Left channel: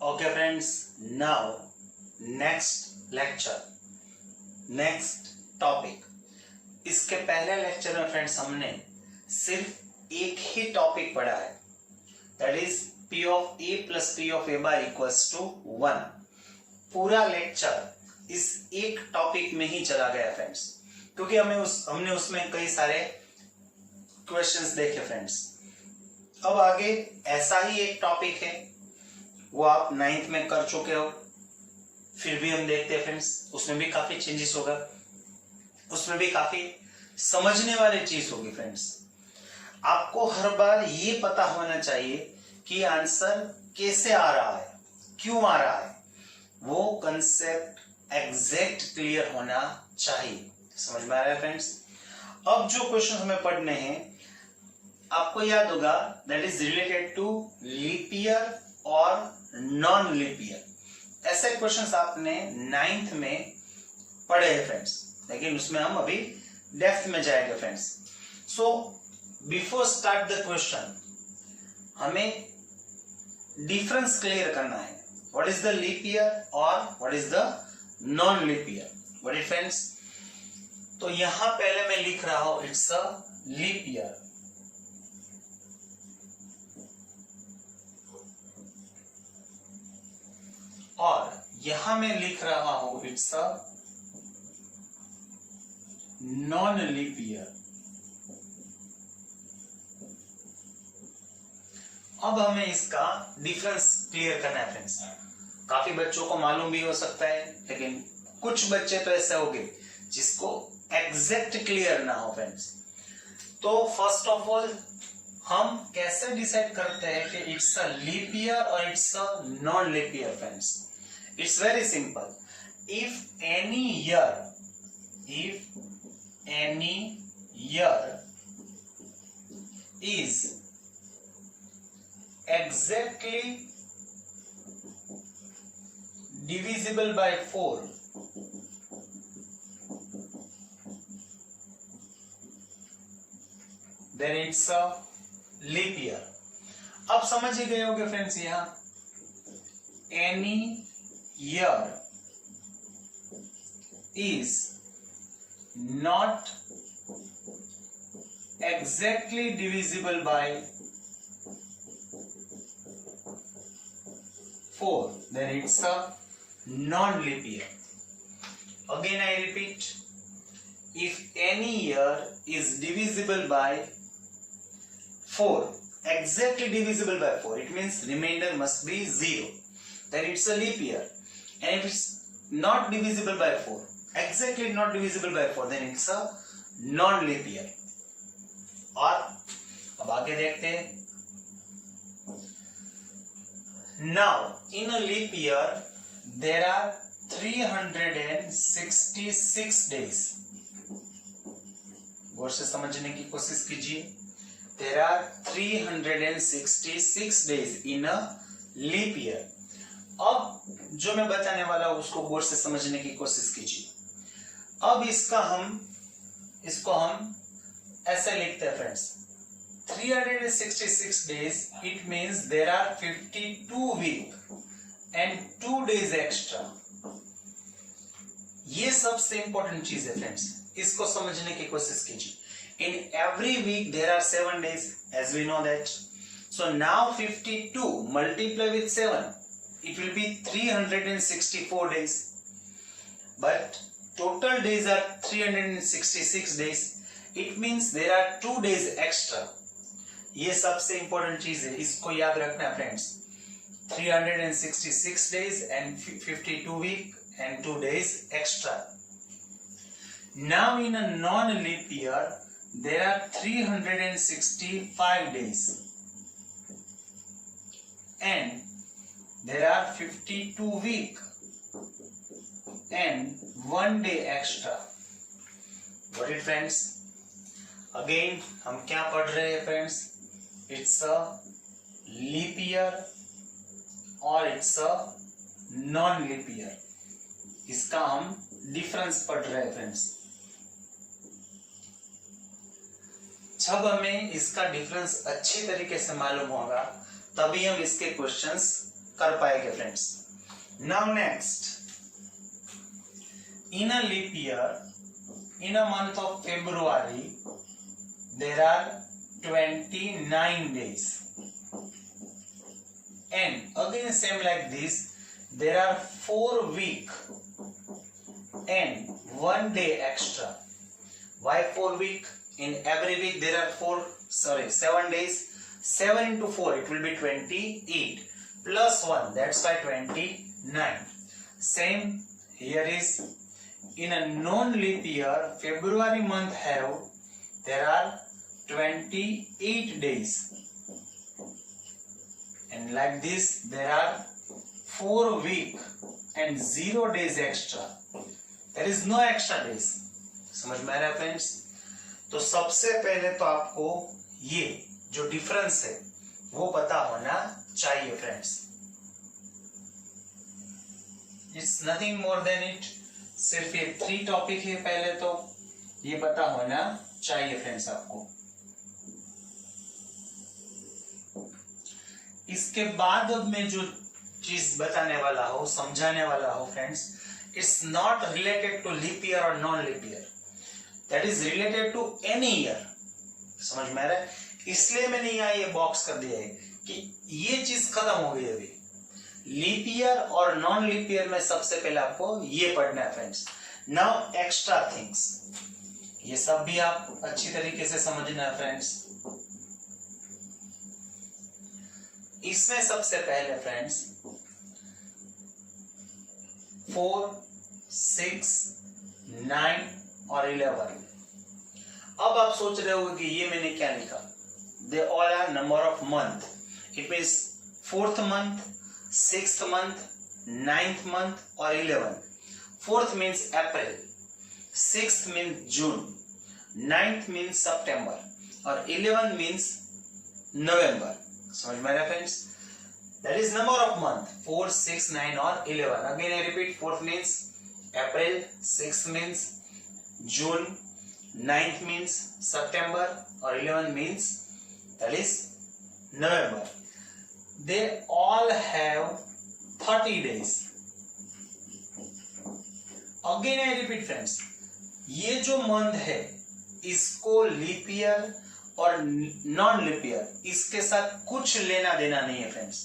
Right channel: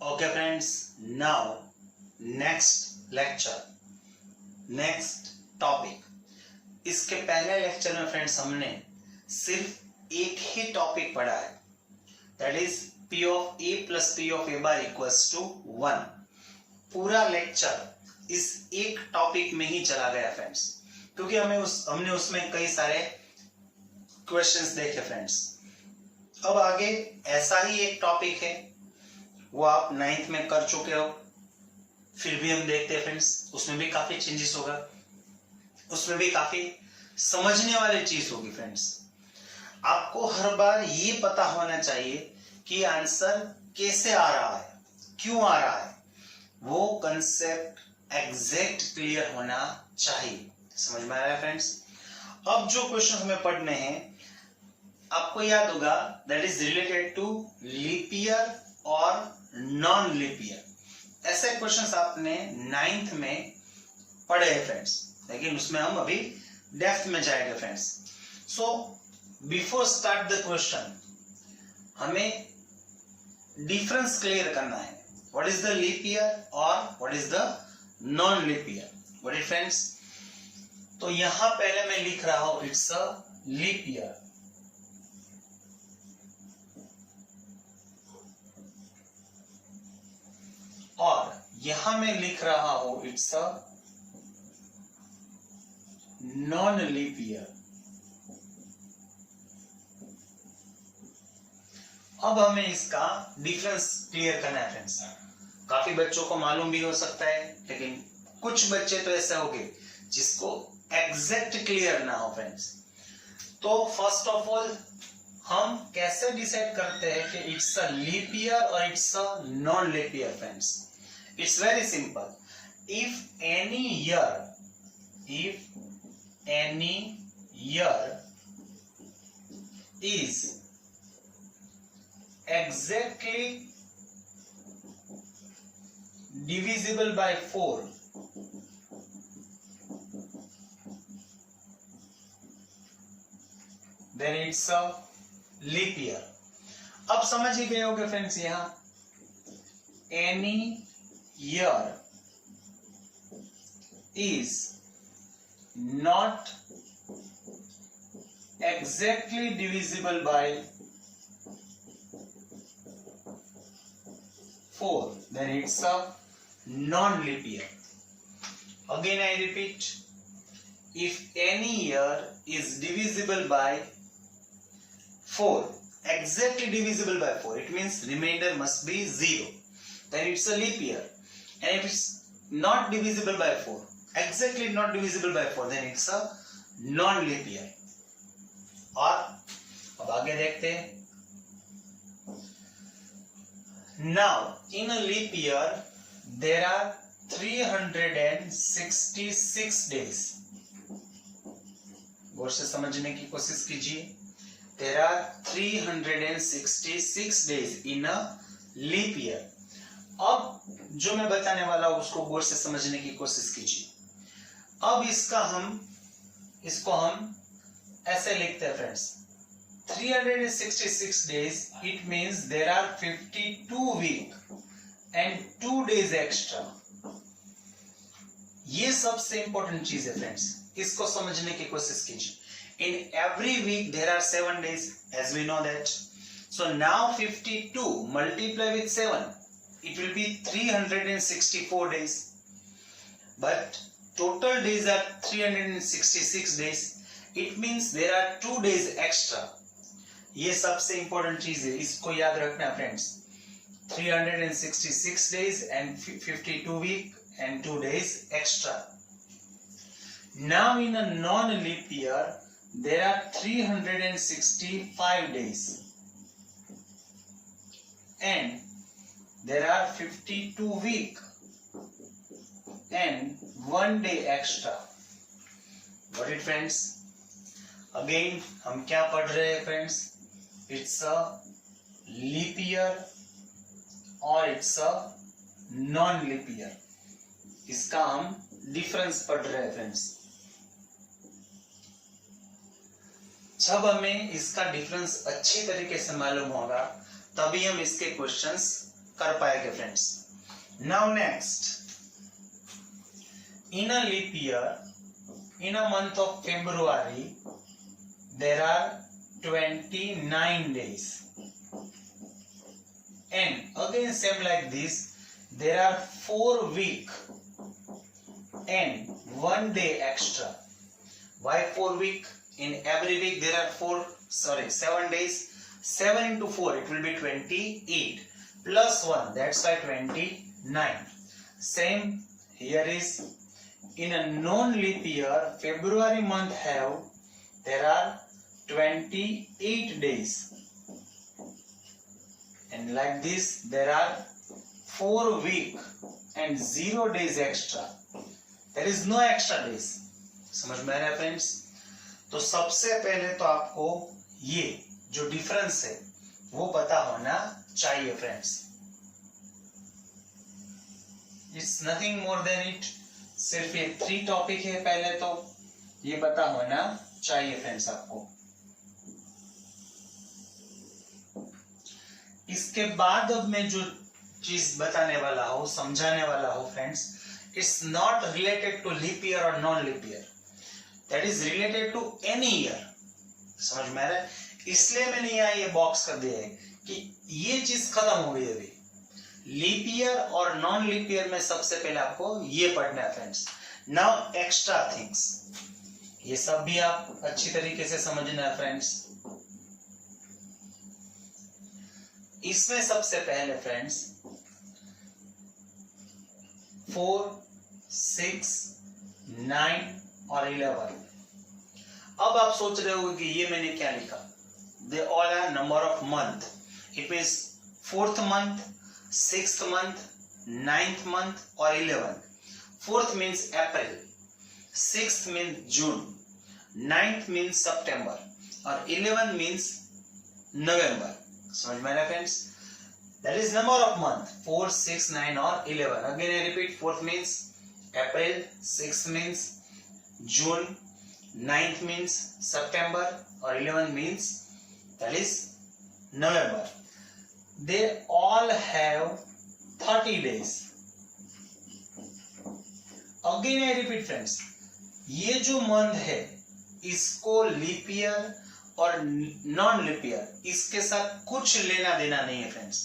Okay friends, now next lecture, next topic. इसके पहले lecture में फ्रेंड्स हमने सिर्फ एक ही टॉपिक पढ़ा है, that is P of A plus P of A bar equals to 1. पूरा लेक्चर इस एक टॉपिक में ही चला गया फ्रेंड्स, क्योंकि हमने उसमें कई सारे क्वेश्चंस देखे फ्रेंड्स। अब आगे ऐसा ही एक टॉपिक है, वो आप 9th में कर चुके हो, फिर भी हम देखते हैं फ्रेंड्स, उसमें भी काफी चेंजेस होगा, उसमें भी काफी समझने वाली चीज होगी फ्रेंड्स। आपको हर बार ये पता होना चाहिए कि आंसर कैसे आ रहा है, क्यों आ रहा है, वो कंसेप्ट एग्जैक्ट क्लियर होना चाहिए। समझ में आ रहा है फ्रेंड्स। अब जो क्वेश्चन हमें पढ़ने हैं, आपको याद होगा, that is related to leap year और नॉन लीप ईयर। ऐसे क्वेश्चंस आपने 9th में पढ़े हैं फ्रेंड्स, लेकिन उसमें हम अभी डेप्थ में जाएंगे friends. So before start the question, हमें डिफरेंस क्लियर करना है, what is the leap year और what is the non leap year, what is friends. तो यहां पहले मैं लिख रहा हूं इट्स अ लीप ईयर, और यहां मैं लिख रहा हूं it's a non leap year. अब हमें इसका डिफरेंस क्लियर करना है फ्रेंड्स। काफी बच्चों को मालूम भी हो सकता है, लेकिन कुछ बच्चे तो ऐसे होंगे जिसको एग्जैक्ट क्लियर ना हो फ्रेंड्स। तो फर्स्ट ऑफ ऑल हम कैसे डिसाइड करते हैं कि इट्स अ लीप ईयर और it's a non leap year friends. It's very simple, if any year is exactly divisible by 4, then it's a leap year. अब समझ ही गए होंगे फ्रेंड्स, यहां any year is not exactly divisible by 4, then it's a non-leap year. Again I repeat, if any year is divisible by 4, exactly divisible by 4, it means remainder must be 0, then it's a leap year. And if it's not divisible by 4, exactly not divisible by 4, then it's a non-leap year. और अब आगे देखते हैं। Now in a leap year there are 366 days. गौर से समझने की कोशिश कीजिए। There are 366 days in a leap year. अब जो मैं बताने वाला हूं उसको गौर से समझने की कोशिश कीजिए। अब इसको हम ऐसे लिखते हैं friends, 366 days, it means there are 52 week and 2 days extra. ये सबसे इंपॉर्टेंट चीज है फ्रेंड्स, इसको समझने की कोशिश कीजिए। In every week there are 7 days, as we know that. So now 52 multiply with 7, it will be 364 days. But total days are 366 days. It means there are 2 days extra. ये सबसे important चीज है, इसको याद रखना friends. 366 days and 52 week and 2 days extra. Now in a non-leap year there are 365 days and there are 52 week and 1 day extra. Got it friends? Again हम क्या पढ़ रहे हैं friends, it's a leap year और it's a non leap year. इसका हम difference पढ़ रहे हैं फ्रेंड्स। जब हमें इसका डिफरेंस अच्छी तरीके से मालूम होगा, तभी हम इसके क्वेश्चंस कर पाएंगे friends. Now next, in a leap year, in a month of February there are 29 days, and again same like this, there are 4 week and 1 day extra. Why 4 week? In every week there are 7 days. 7 into 4, it will be 28 plus 1, that's why 29. Same here is in a non-leap year, February month there are 28 days, and like this there are 4 week and 0 days extra. There is no extra days. समझ में आ रहा है friends? तो सबसे पहले तो आपको ये जो डिफरेंस है वो पता होना चाहिए friends. It's nothing more than it, सिर्फ ये 3 टॉपिक है, पहले तो ये पता होना चाहिए फ्रेंड्स आपको। इसके बाद अब मैं जो चीज बताने वाला हूं, समझाने वाला हूं friends, it's not related to leap year और non leap year, that is related to any year. समझ में आ रहा है? इसलिए मैंने यहाँ ये बॉक्स कर दिया है कि ये चीज खत्म हो गई अभी। लीप ईयर और नॉन लीप ईयर में सबसे पहले आपको ये पढ़ना है फ्रेंड्स। नाउ एक्स्ट्रा थिंग्स, ये सब भी आप अच्छी तरीके से समझना है फ्रेंड्स। इसमें सबसे पहले फ्रेंड्स 4, 6, 9 और 11। अब आप सोच रहे हो कि ये मैंने क्या लिखा? They all are number of month. It means 4th month, 6th month, 9th month or 11th. 4th means April, 6th means June, 9th means September और 11th means November. समझ में आ रहा है friends? That is number of month 4, 6, 9 और 11. Again I repeat, 4th means April, 6th means June, 9th means September or 11th means that is November. They all have 30 days. Again I repeat friends, ये जो month है इसको leap year और non leap year इसके साथ कुछ लेना देना नहीं है फ्रेंड्स।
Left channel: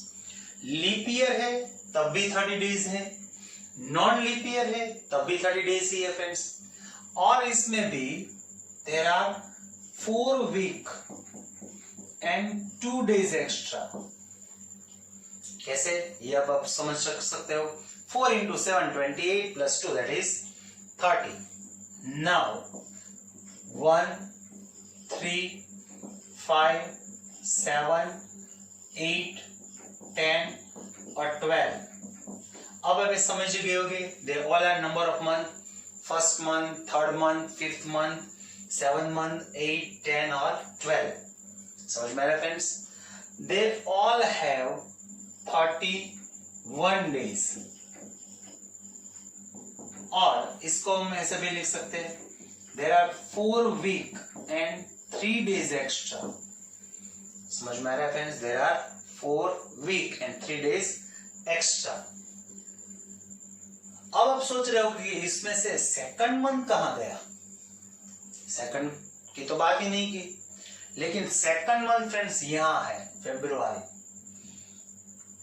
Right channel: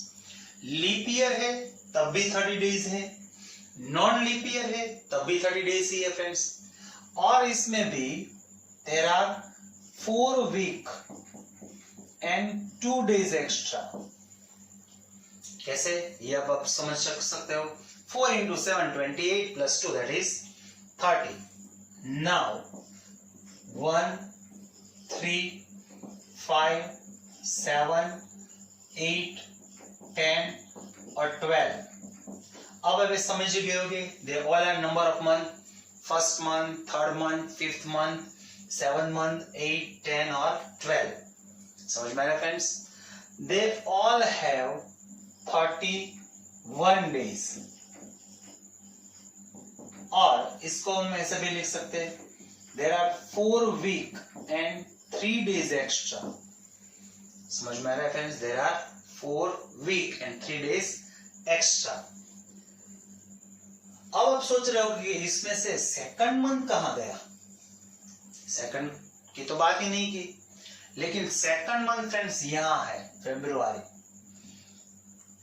लीप ईयर है तब भी 30 डेज है, नॉन लीप ईयर है तब भी 30 डेज ही है फ्रेंड्स। और इसमें भी there are 4 week and 2 days extra. कैसे? ये आप समझ सकते हो। 4 into 7, 28 plus 2, that is 30. Now 1, 3, 5, 7, 8, 10 और 12। अब अगर समझ गए होगे, they all are number of month, first month, third month, fifth month, 7th month, 8, 10 और 12। समझ में आ रहा है friends? They all have 31 days। और इसको हम ऐसे भी लिख सकते हैं, there are 4 week and 3 days extra। समझ में आ रहा है friends? There are 4 week and 3 days extra। अब आप सोच रहे हो कि इसमें से सेकंड मंथ कहां गया? सेकंड की तो बात ही नहीं की, लेकिन सेकंड मंथ फ्रेंड्स यहां है, फेब्रुआरी।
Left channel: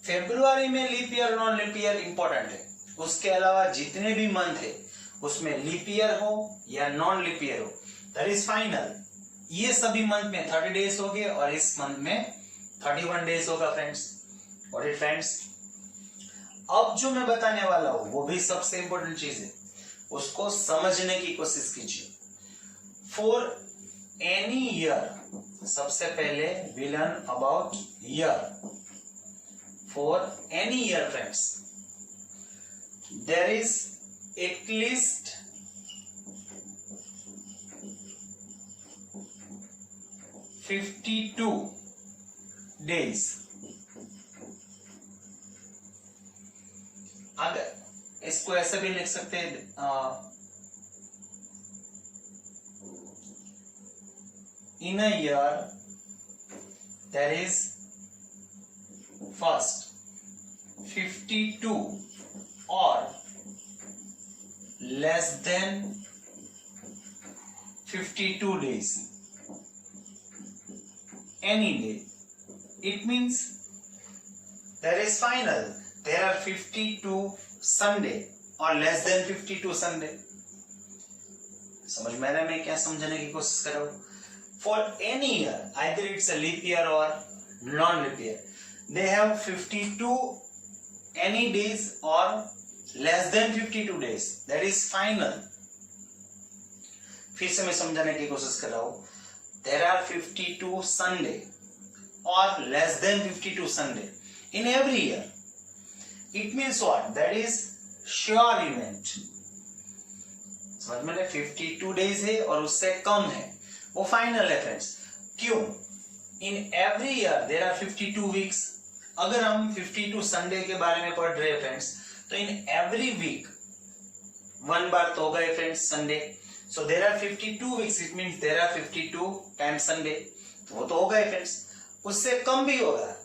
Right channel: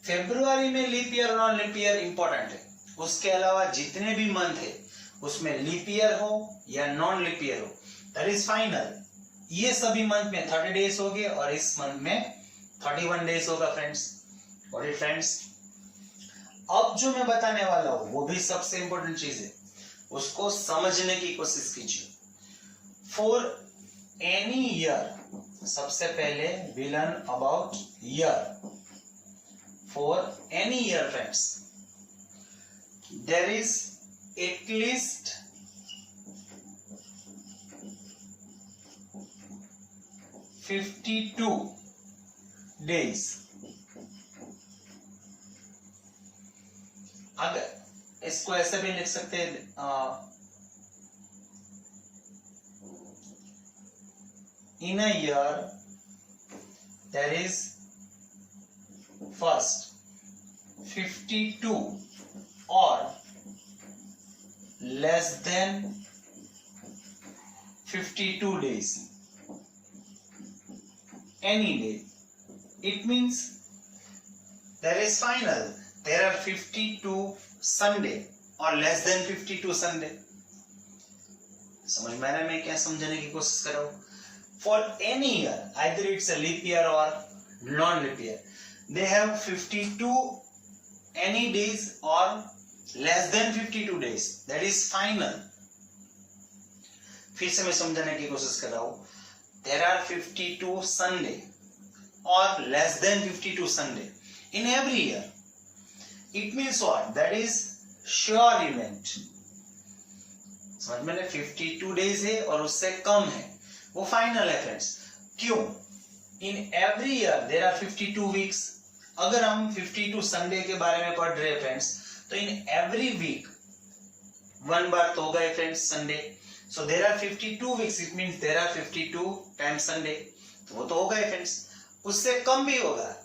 फेब्रुआरी में leap year non leap year important है। उसके अलावा जितने भी मंथ है उसमें लीप ईयर हो या नॉन लीप ईयर हो, दैट इज फाइनल। ये सभी मंथ में 30 डेज हो गए और इस मंथ में 31 डेज होगा फ्रेंड्स। और ये फ्रेंड्स अब जो मैं बताने वाला हूं वो भी सबसे इंपॉर्टेंट चीज है, उसको समझने की कोशिश कीजिए। फॉर एनी ईयर, सबसे पहले we learn about year. For any year friends, there is at least 52 days। अगर इसको ऐसे भी लिख सकते हैं, in a year there is first 52 or less than 52 days, any day, it means there is final, there are 52 Sunday or less than 52 Sunday. समझ में आ रहा है मैं क्या समझाने की कोशिश कर रहा हूं? For any year, either it's a leap year or non-leap year, they have 52 any days or less than 52 days. That is final. फिर से मैं समझाने की कोशिश कर रहा हूं. There are 52 Sunday or less than 52 Sunday in every year. It means what? That is sure event. समझ में? 52 days है और उससे कम है, वो फाइनल है फ्रेंड्स. क्यों? In every year there are 52 weeks. अगर हम 52 संडे के बारे में पढ़ रहे हैं फ्रेंड्स, तो इन एवरी वीक वन बार तो होगा friends Sunday. So there are 52 weeks, it means there are 52 times Sunday. तो वो तो होगा फ्रेंड्स, उससे कम भी होगा.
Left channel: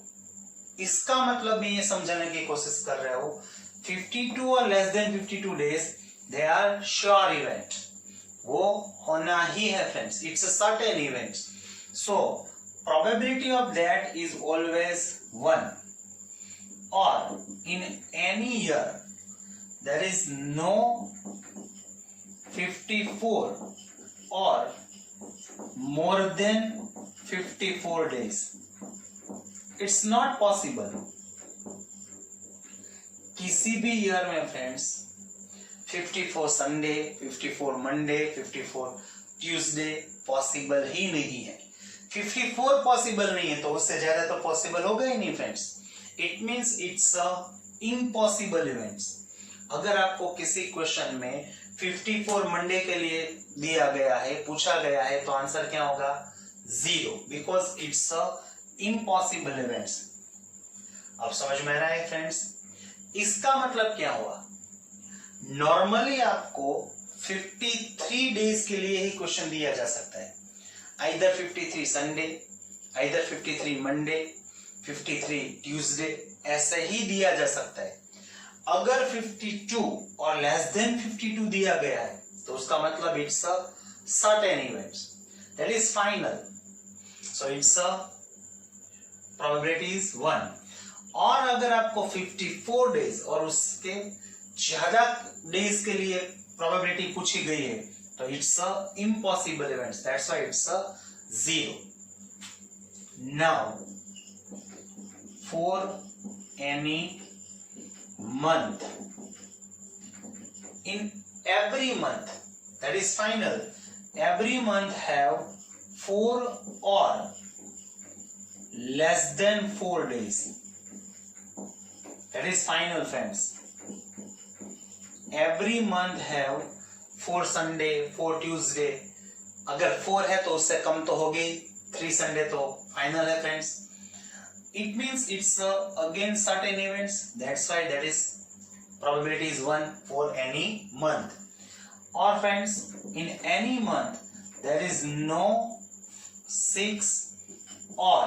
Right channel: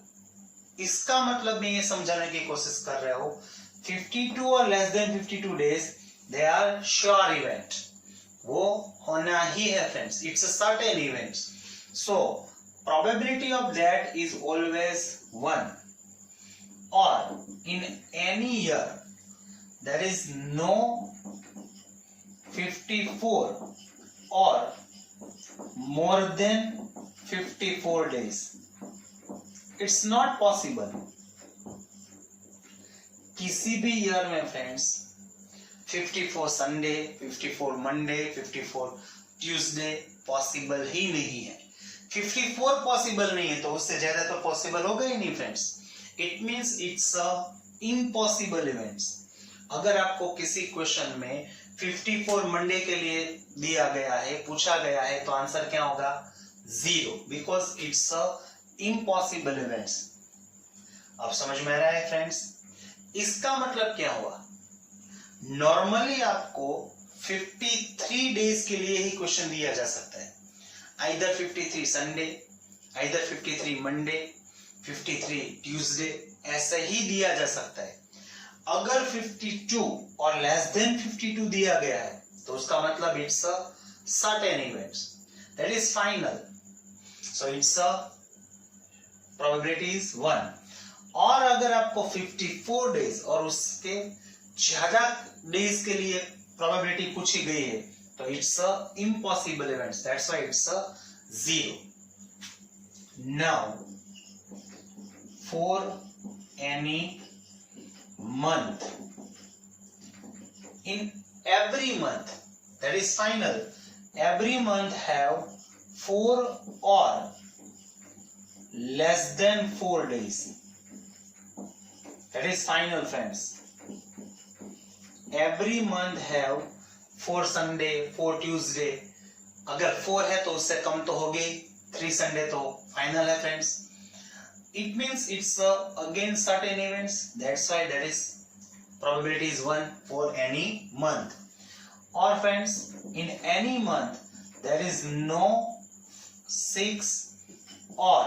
इसका मतलब मैं ये समझाने की कोशिश कर रहा हूं, 52 और less than 52 days they are sure event. वो होना ही है friends. It's a certain event. So probability of that is always 1. Or in any year there is no 54 or more than 54 days. It's not possible. किसी भी year में friends 54 Sunday, 54 Monday, 54 Tuesday possible ही नहीं है. 54 possible नहीं है तो उससे ज्यादा तो पॉसिबल होगा ही नहीं friends. It means it's a impossible events. अगर आपको किसी क्वेश्चन में 54 मंडे के लिए दिया गया है, पूछा गया है, तो आंसर क्या होगा? 0, because it's a impossible events. अब समझ में आ रहा है फ्रेंड्स? इसका मतलब क्या हुआ? नॉर्मली आपको 53 डेज के लिए ही क्वेश्चन दिया जा सकता है. either 53 Sunday, either 53 Monday, 53 Tuesday, ऐसा ही दिया जा सकता है. अगर 52 और लेस देन 52 दिया गया है तो उसका मतलब it's a certain events, that is final. So it's a probability is 1. और अगर आपको 54 डेज और उसके ज्यादा डेज के लिए प्रोबेबिलिटी पूछी गई है तो it's a impossible events. That's why it's a 0. Now for any month, in every month, that is final, every month have 4 or less than 4 days. That is final friends. Every month have 4 Sunday, 4 Tuesday. अगर 4 है तो उससे कम तो हो गई, 3 Sunday तो final है friends. It means it's again certain events. That's why that is probability is 1 for any month. Or friends, in any month there is no 6 or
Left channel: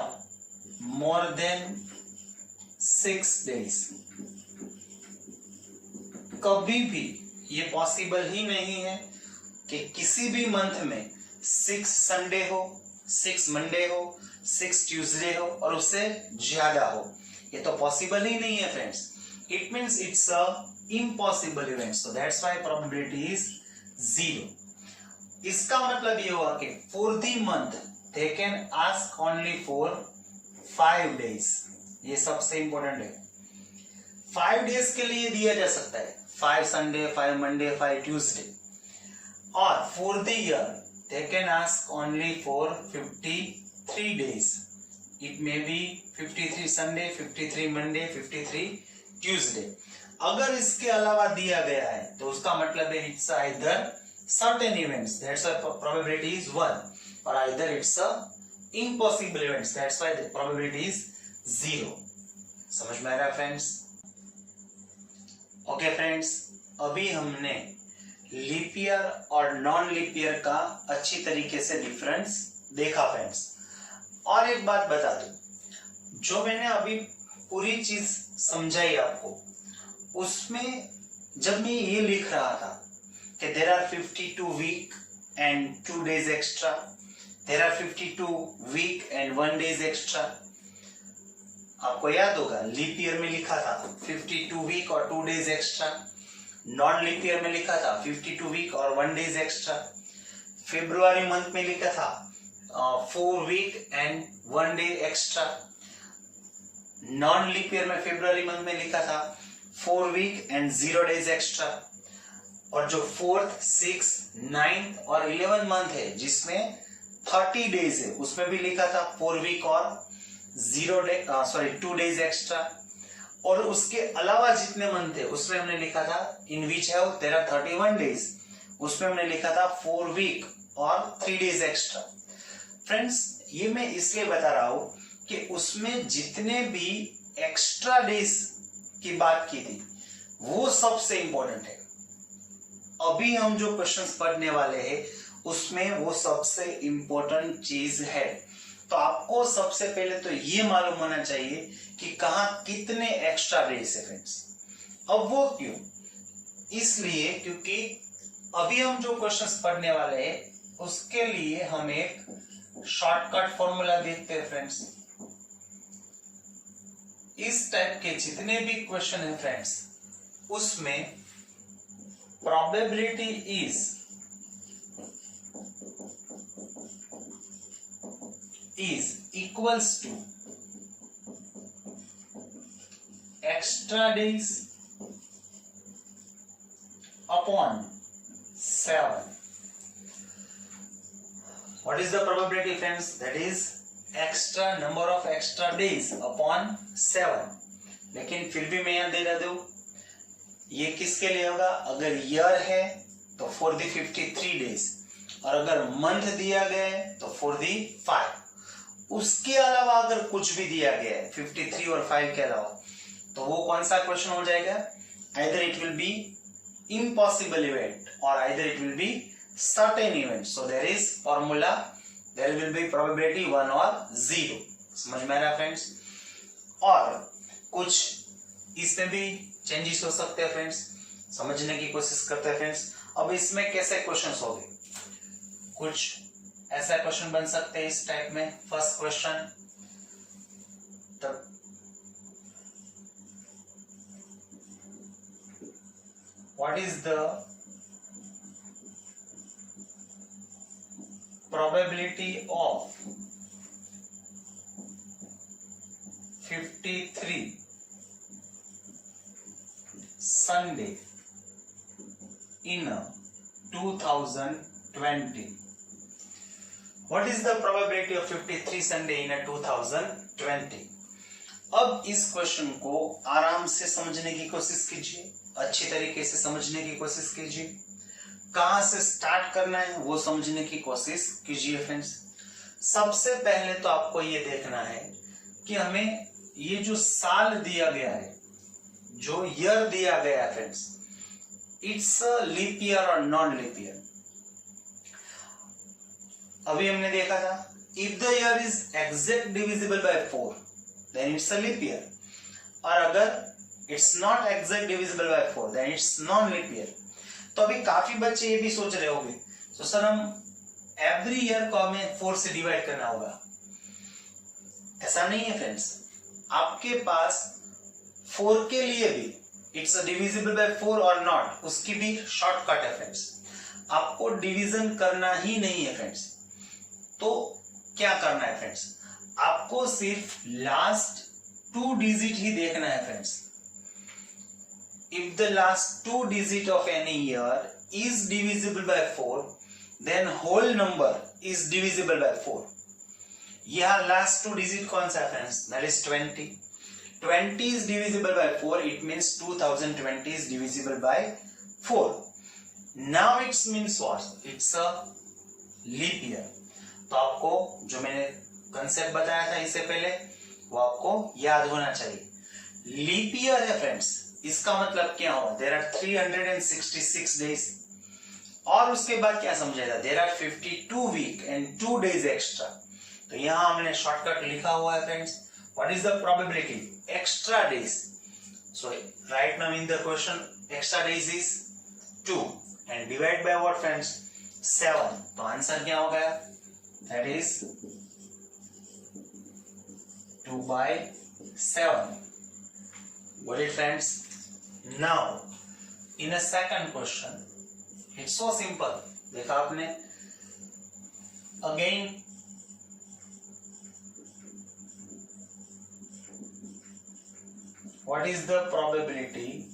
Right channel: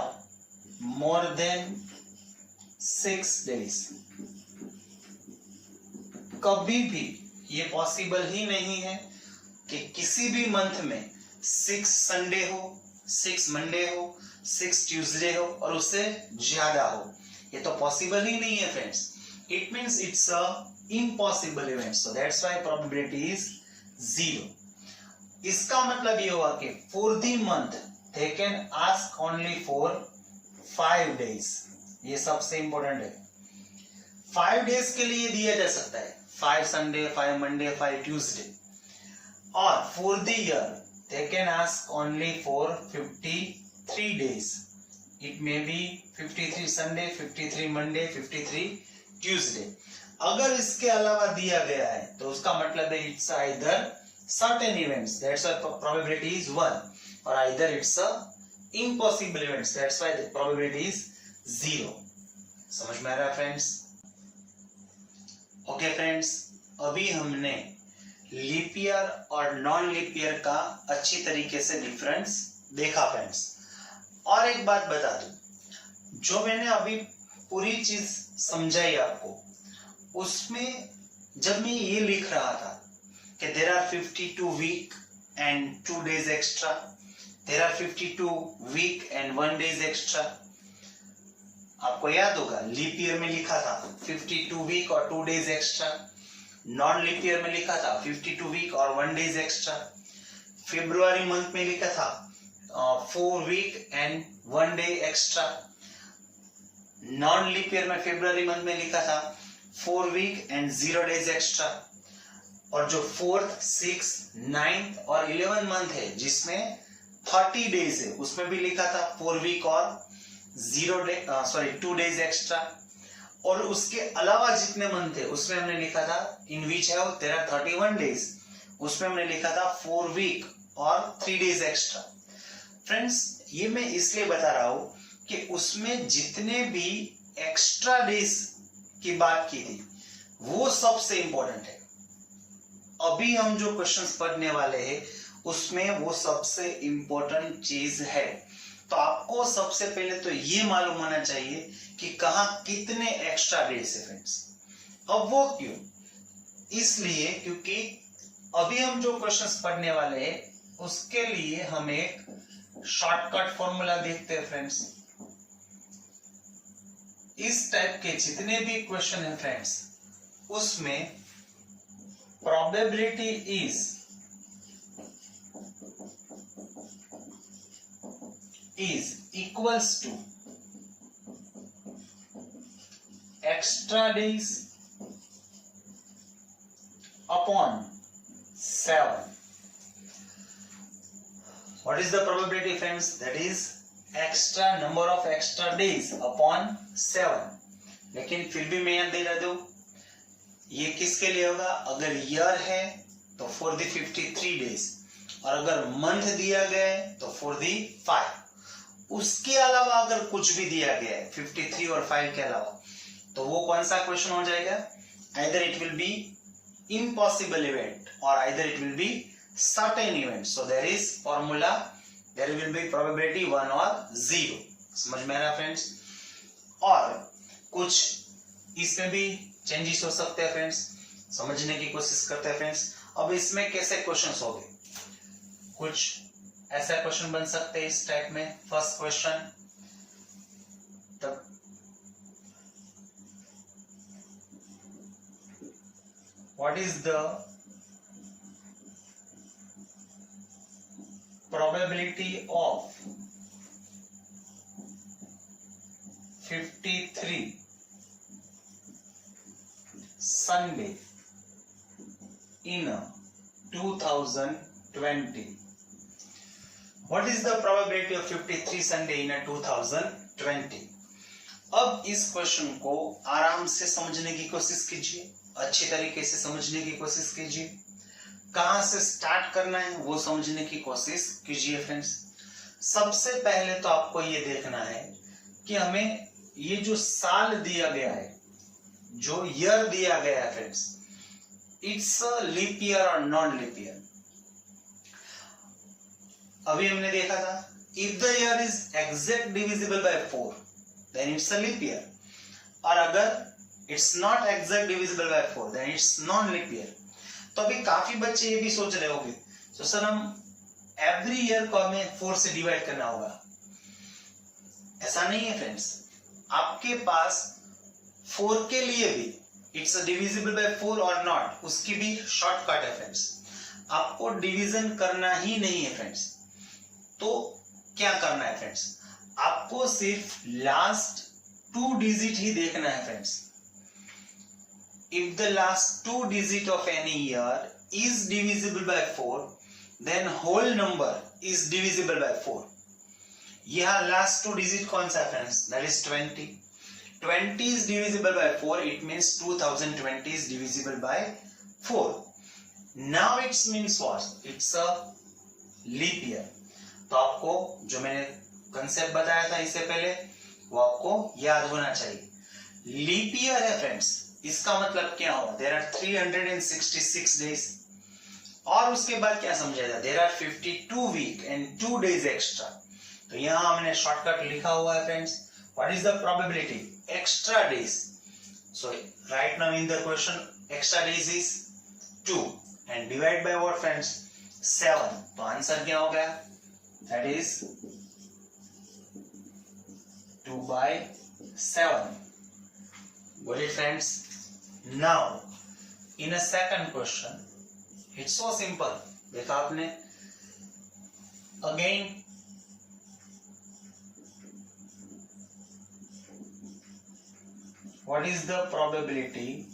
more than 6 days. कभी भी ये पॉसिबल ही नहीं है कि किसी भी मंथ में 6 संडे हो, 6 मंडे हो, 6 ट्यूसडे हो और उससे ज्यादा हो. ये तो पॉसिबल ही नहीं है friends. It means it's a impossible event. So that's why probability is 0. इसका मतलब ये हुआ कि for the month they can ask only for 5 days. ये सबसे इंपॉर्टेंट है. 5 डेज के लिए दिया जा सकता है, 5 संडे, 5 मंडे, 5 ट्यूसडे. और for the year they can ask only for 53 days. It may be 53 Sunday, 53 Monday, 53 Tuesday. अगर इसके अलावा दिया गया है तो उसका मतलब है it's either certain events, that's why probability is 1, or either it's a impossible events, that's why the probability is 0. समझ में आ रहा है फ्रेंड्स? ओके फ्रेंड्स, अभी हमने लीप ईयर और नॉन लीप ईयर का अच्छी तरीके से डिफरेंस देखा फ्रेंड्स. और एक बात बता दूं, जो मैंने अभी पूरी चीज समझाई आपको, उसमें जब मैं ये लिख रहा था कि there are 52 week and 2 days extra, there are 52 week and 1 day extra, आपको याद होगा लीप ईयर में लिखा था 52 वीक और 2 days extra, non leap year में लिखा था 52 वीक और 1 day एक्स्ट्रा, फरवरी मंथ में लिखा था 4 week and 1 day extra, non leap year में फरवरी मंथ में लिखा था 4 वीक एंड 0 days एक्स्ट्रा, और जो 4th, 6th, 9th और 11th मंथ है जिसमें 30 days है उसमें भी लिखा था 4 वीक और 2 days एक्स्ट्रा, और उसके अलावा जितने मंथ थे उसमें हमने लिखा था इन विच है तेरा 31 days, उसमें हमने लिखा था 4 वीक और 3 days एक्स्ट्रा। फ्रेंड्स ये मैं इसलिए बता रहा हूं कि उसमें जितने भी एक्स्ट्रा डेज की बात की थी वो सबसे इंपॉर्टेंट है। अभी हम जो क्वेश्चंस पढ़ने वाले हैं उसमें वो सबसे इंपॉर्टेंट चीज है। तो आपको सबसे पहले तो ये मालूम होना चाहिए कि कहां कितने एक्स्ट्रा डेज है फ्रेंड्स। अब वो क्यों? इसलिए क्योंकि अभी हम जो क्वेश्चंस पढ़ने वाले हैं उसके लिए हम एक शॉर्टकट फॉर्मूला देखते हैं फ्रेंड्स। इस टाइप के जितने भी क्वेश्चन है फ्रेंड्स उसमें probability is equals to extra days upon 7. What is the probability friends? That is extra number of extra days upon 7. लेकिन फिर भी मैं यहाँ दे दूं, ये किसके लिए होगा? अगर ईयर है तो फॉर दी 53 days, और अगर मंथ दिया गया है तो फॉर दी 5. उसके अलावा अगर कुछ भी दिया गया है 53 और 5 के अलावा, तो वो कौन सा क्वेश्चन हो जाएगा? either it will be impossible event or either it will be certain event. So there is formula, there will be probability 1 or 0. समझ में आ रहा फ्रेंड्स? और कुछ इसमें भी चेंजेस हो सकते हैं फ्रेंड्स, समझने की कोशिश करते हैं फ्रेंड्स। अब इसमें कैसे क्वेश्चंस होंगे? कुछ ऐसा क्वेश्चन बन सकते हैं इस टाइप में। First question, what is the probability of 53 Sunday in 2020? What is the probability of 53 Sunday in 2020? अब इस क्वेश्चन को आराम से समझने की कोशिश कीजिए, अच्छी तरीके से समझने की कोशिश कीजिए, कहां से स्टार्ट करना है वो समझने की कोशिश कीजिए फ्रेंड्स। सबसे पहले तो आपको ये देखना है कि हमें ये जो साल दिया गया है, जो ईयर दिया गया है फ्रेंड्स, इट्स लीप ईयर और नॉन लीप ईयर। अभी हमने देखा था if the year is exact divisible by 4 then it's a leap year, और अगर it's not exact divisible by 4 then it's non leap year. तो अभी काफी बच्चे ये भी सोच रहे होंगे तो सर हम एवरी ईयर को हमें 4 से डिवाइड करना होगा। ऐसा नहीं है फ्रेंड्स, आपके पास 4 के लिए भी इट्स डिविजिबल बाय 4 और नॉट, उसकी भी शॉर्टकट है फ्रेंड्स। आपको डिवीजन करना ही नहीं है फ्रेंड्स। तो क्या करना है फ्रेंड्स? आपको सिर्फ लास्ट 2 डिजिट ही देखना है friends. If the last 2 digit of any year is divisible by 4, then whole number is divisible by 4. यहाँ last 2 digit कौन सा friends? That is 20. 20 is divisible by 4. It means 2020 is divisible by 4. Now it means what? It's a leap year. तो आपको जो मैंने concept बताया था इससे पहले वो आपको याद होना चाहिए। लीप ईयर है फ्रेंड्स, इसका मतलब क्या हुआ? देयर आर 366 डेज, और उसके बाद क्या समझाया? There are 52 week and 2 days extra. तो यहां हमने शॉर्टकट लिखा हुआ है friends. What is the probability? extra days. So right now in the question extra days is 2 and divide by what friends 7. तो आंसर क्या हो गया? That is 2 by 7. Got it friends? Now in a second question it's so simple. देखा आपने? Again what is the probability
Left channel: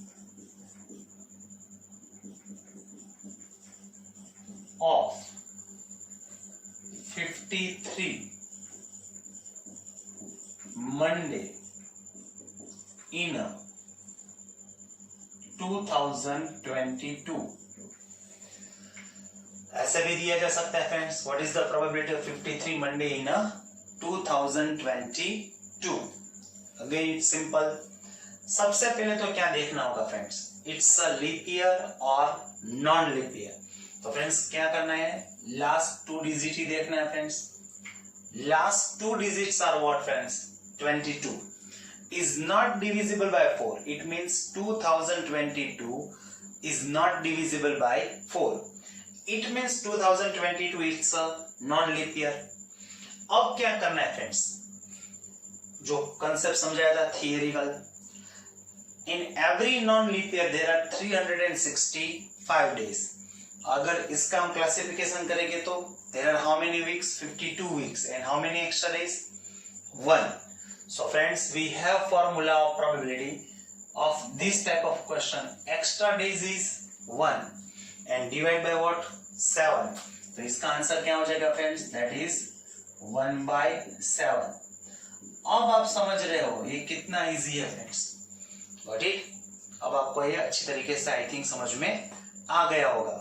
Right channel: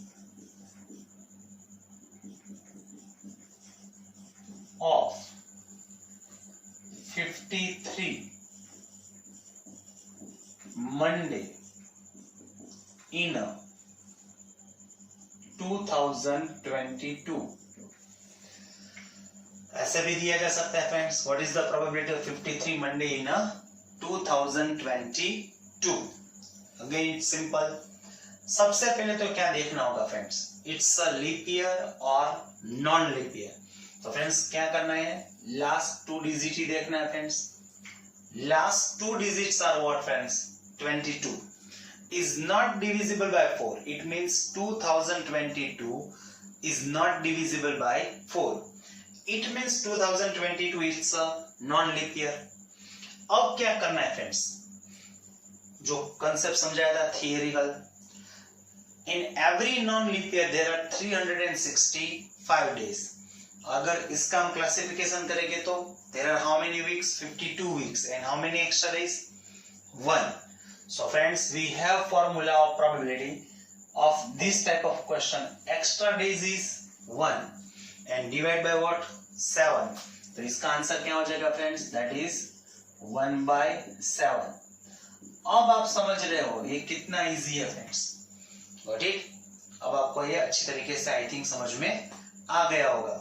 of 53 Monday in a 2022? ऐसे भी दिया जा सकता है friends. What is the probability of 53 Monday in a 2022? Again simple. सबसे पहले तो क्या देखना होगा friends? It's a leap year और नॉन लीप ईयर. तो फ्रेंड्स क्या करना है? लास्ट 2 डिजिट ही देखना है friends. Last 2 digits are what friends? 22 is not divisible by 4. It means 2022 is not divisible by 4. It means 2022 is a non-leap year. अब क्या करना है फ्रेंड्स? जो कंसेप्ट समझाया था थियरिकल. In every non-leap year there are 365 days. अगर इसका हम क्लासिफिकेशन करेंगे तो there are how many weeks? 52 weeks. And how many extra days? 1. So friends, we have formula of probability of this type of question. Extra days is 1 and divide by what? 7. तो इसका answer क्या हो जाएगा friends? That is 1 by 7. अब आप समझ रहे हो ये कितना इजी है फ्रेंड्स. Got it? अब आपको ये अच्छी तरीके से आई थिंक समझ में आ गया होगा.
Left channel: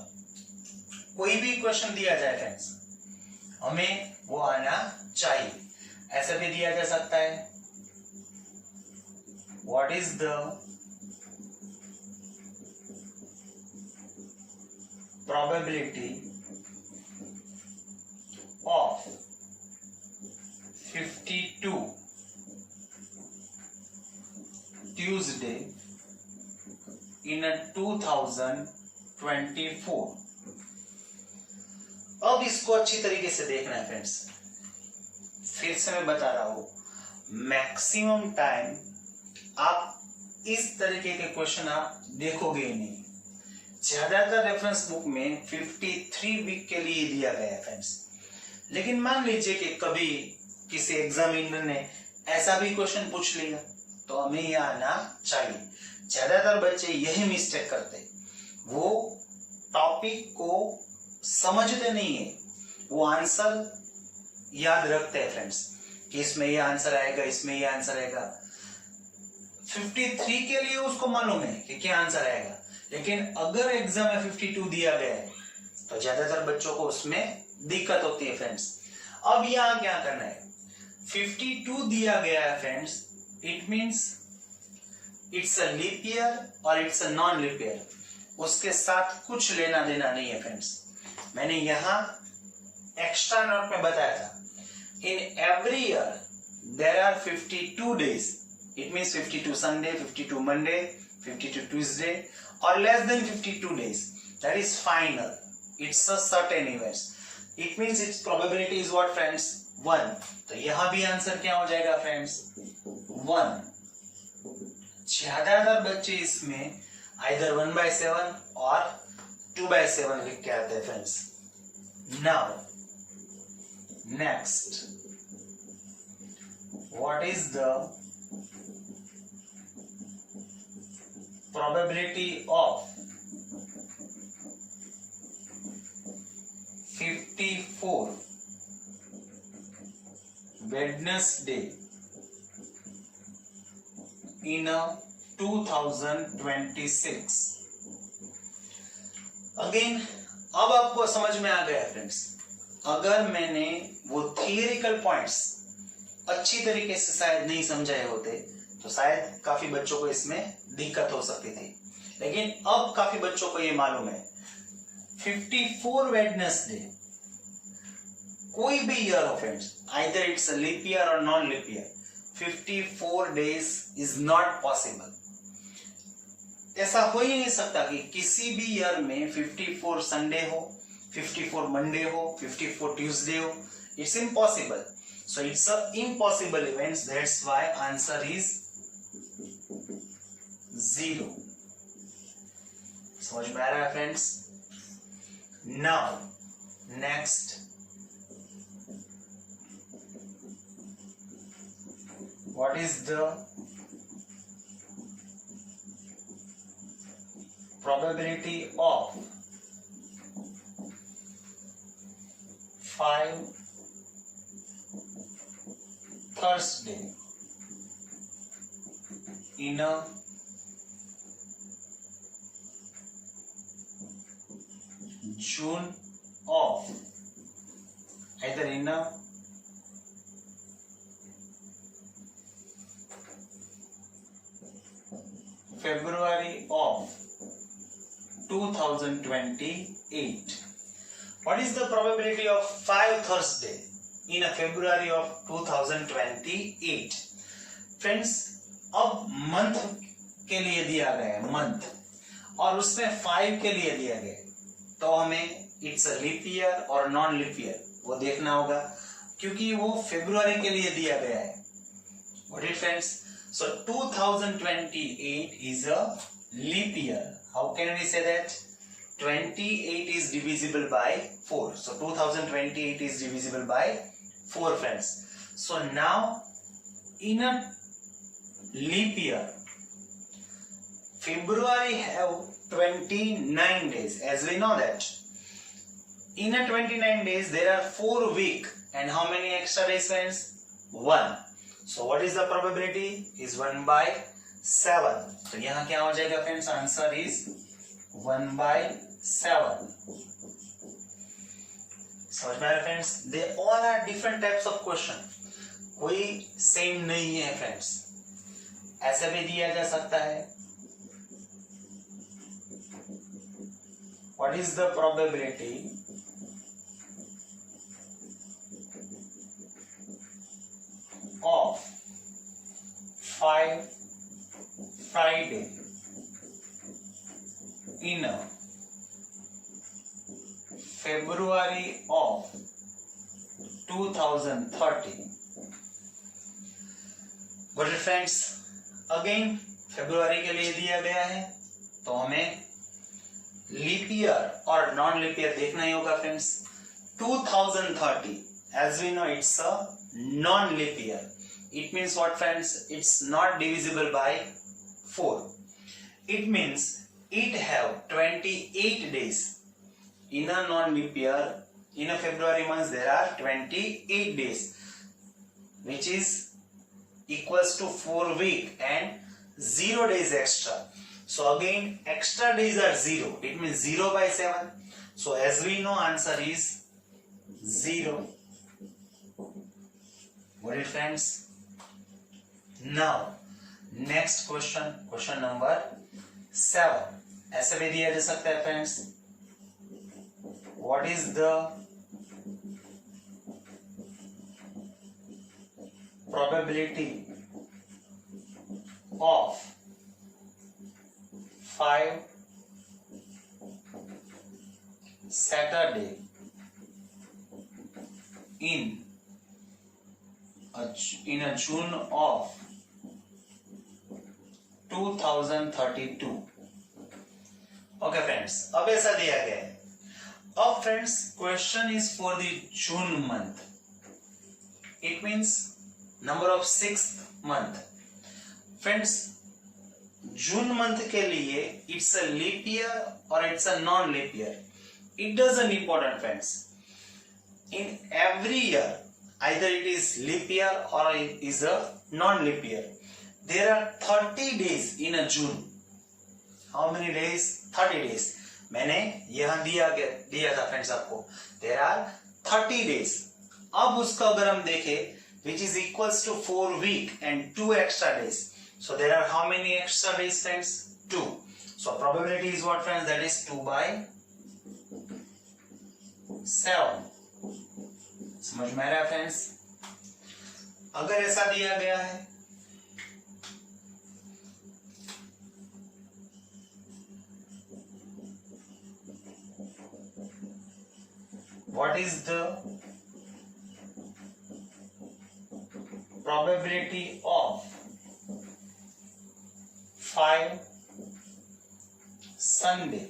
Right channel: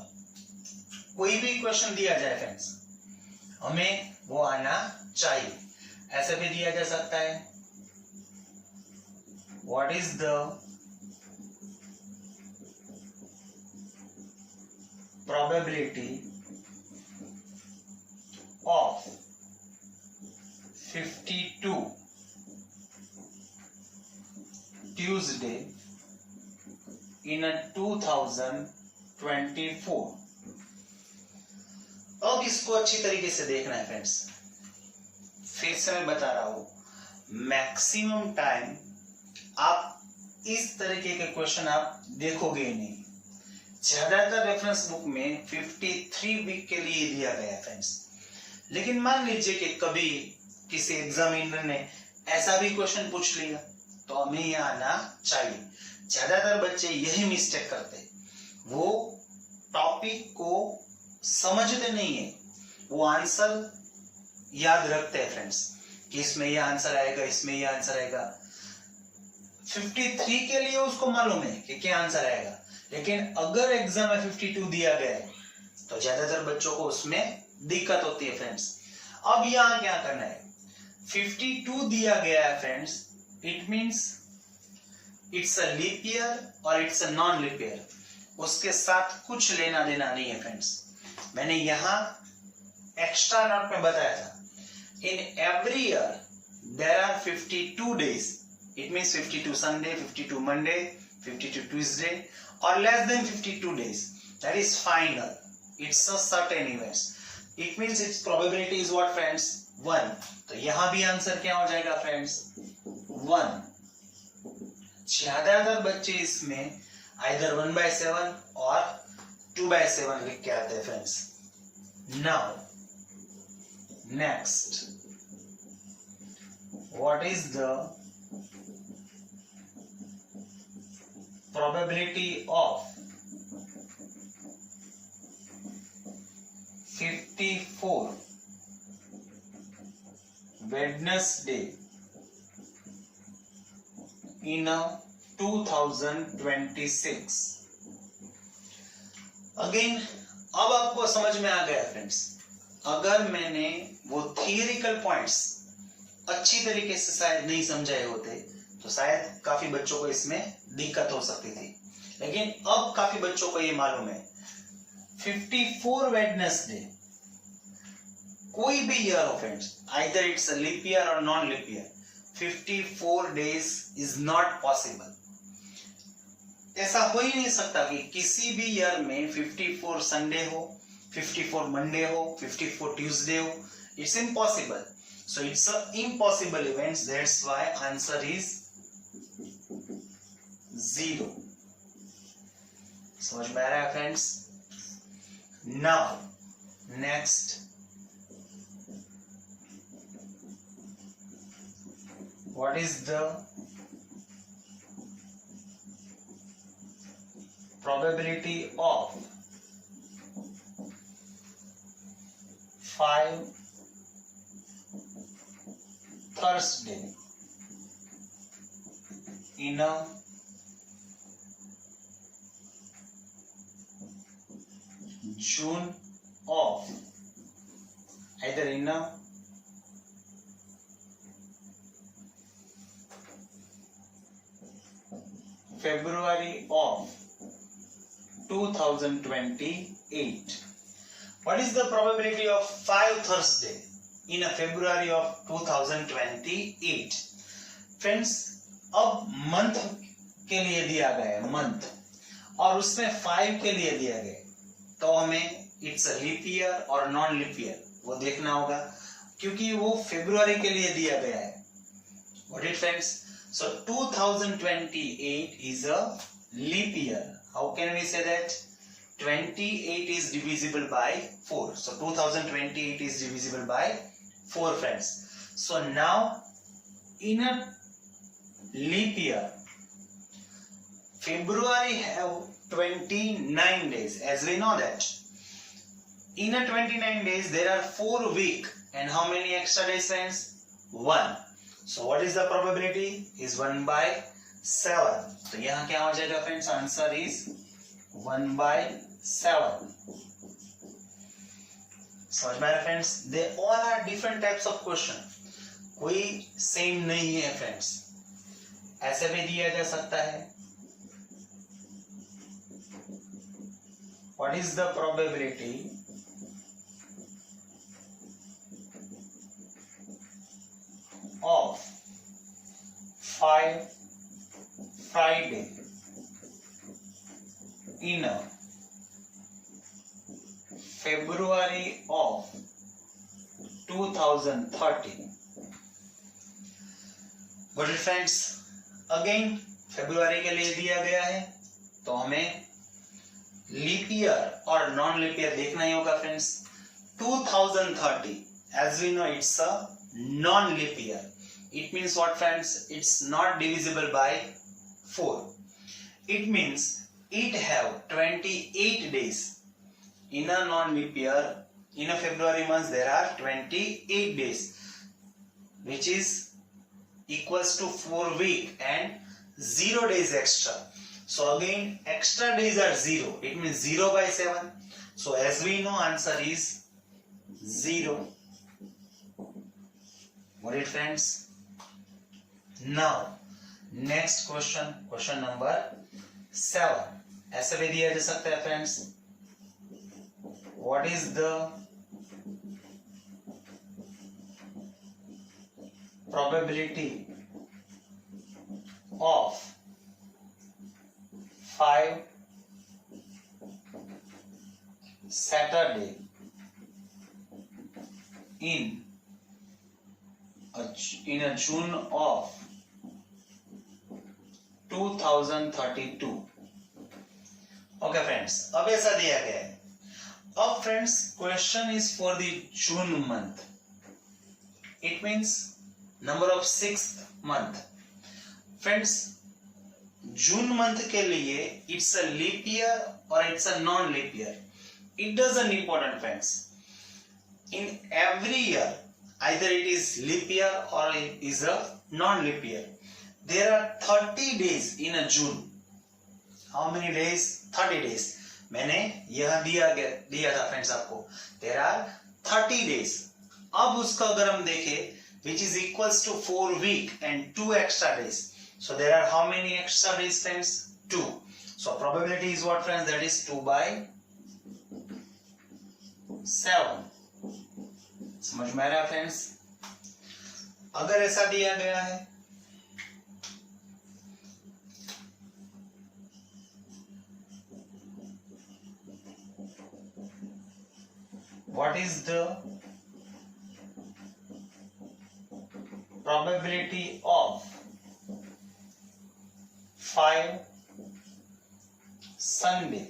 कोई भी क्वेश्चन दिया जाए फ्रेंड्स, हमें वो आना चाहिए. ऐसे भी दिया जा सकता है, what is the probability of 52 Tuesday in a 2024? अब इसको अच्छी तरीके से देखना है फ्रेंड्स. फिर से मैं बता रहा हूं, मैक्सिमम टाइम आप इस तरीके के क्वेश्चन आप देखोगे ही नहीं. ज्यादातर रेफरेंस बुक में 53 वीक के लिए दिया गया है फ्रेंड्स. लेकिन मान लीजिए कि कभी किसी एग्जामिनर ने ऐसा भी क्वेश्चन पूछ लिया तो हमें ये आना चाहिए. ज्यादातर बच्चे यही मिस्टेक करते, वो टॉपिक को समझते नहीं है, वो आंसर याद रखते हैं फ्रेंड्स कि इसमें ये आंसर आएगा, इसमें ये आंसर आएगा. 53 के लिए उसको मालूम है कि क्या आंसर आएगा, लेकिन अगर एग्जाम में 52 दिया गया है तो ज्यादातर बच्चों को उसमें दिक्कत होती है फ्रेंड्स. अब यहां क्या करना है? 52 दिया गया है friends, it means it's a leap year और it's a non leap year. उसके साथ कुछ लेना देना नहीं है फ्रेंड्स. मैंने यहां एक्स्ट्रा नोट में बताया था, in every year there are 52 days. It means 52 Sunday, 52 Monday, 52 Tuesday, or less than 52 days. That is final. It's a certain events. It means its probability is what friends? 1. तो यहाँ भी answer क्या हो जाएगा friends? 1. ज्यादातर बच्चे इसमें either 1 by 7 और 2 by 7 लिख के आते हैं friends. Now, next, what is the probability of 54 Wednesday in a 2026? Again अब आपको समझ में आ गया फ्रेंड्स. अगर मैंने वो थियरिकल पॉइंट्स अच्छी तरीके से शायद नहीं समझाए होते तो शायद काफी बच्चों को इसमें दिक्कत हो सकती थी. लेकिन अब काफी बच्चों को ये मालूम है 54 वेडनेसडे कोई भी ईयर हो friends, either it's a leap year और non leap year, 54 days is not possible. ऐसा हो ही नहीं सकता कि किसी भी ईयर में 54 संडे हो, 54 मंडे हो, 54 ट्यूसडे हो. It's impossible. So it's a impossible event. That's why answer is 0. समझ में आ रहा है friends? Now next, what is the probability of 5 Thursday in a June of either in a February of 2028. What is the probability of 5 Thursday in a February of 2028? Friends, अब month के लिए दिया गया है मंथ, और उसमें 5 के लिए दिया गया है, तो हमें इट्स अ लीप ईयर और नॉन लीप ईयर वो देखना होगा, क्योंकि वो फरवरी के लिए दिया गया है. Got it, friends? So 2028 is a leap year. How can we say that? 28 is divisible by 4. So 2028 is divisible by 4, friends. So now in a leap year, February have 29 days, as we know that. In a 29 days, there are 4 weeks, and how many extra days, friends? 1. So what is the probability? Is 1 by 7. तो यहाँ क्या हो जाएगा friends? Answer is 1 by 7. समझ में आ रहा है friends? They all are different types of question, कोई सेम नहीं है फ्रेंड्स. ऐसे भी दिया जा सकता है, what is the probability of 5 Friday in a February of 2030. Got it, friends? Again फरवरी के लिए दिया गया है, तो हमें लीप ईयर और नॉन लीप ईयर देखना ही होगा friends. 2030, as we know, it's a non leap year. It means what, friends? It's not divisible by 4. It means it have 28 days. In a non leap year, in a February month, there are 28 days, which is equals to 4 week and 0 days extra. So again, extra days are 0. It means 0 by 7. So as we know, answer is 0. Got it, friends? Now next question, question number 7. ऐसे भी दिया जा सकता है friends. What is the probability of 5 Saturday in a June of 2032. Okay friends, अब ऐसा दिया गया है. अब friends, question is for the June month. It means number of 6th month. Friends, June month के लिए इट्स अ लीप ईयर और it's a non leap year. It doesn't important friends. In every year, either it is leap year or it is a non leap year, there are 30 days in a June. How many days? 30 days. मैंने यहां दिया था friends आपको. There are 30 days. अब उसका अगर हम देखें, which is equals to 4 week and 2 extra days. So there are how many extra days, friends? 2. So probability is what, friends? That is 2 by 7. समझ में आ रहा है फ्रेंड्स? अगर ऐसा दिया गया है what is the probability of 5 Sunday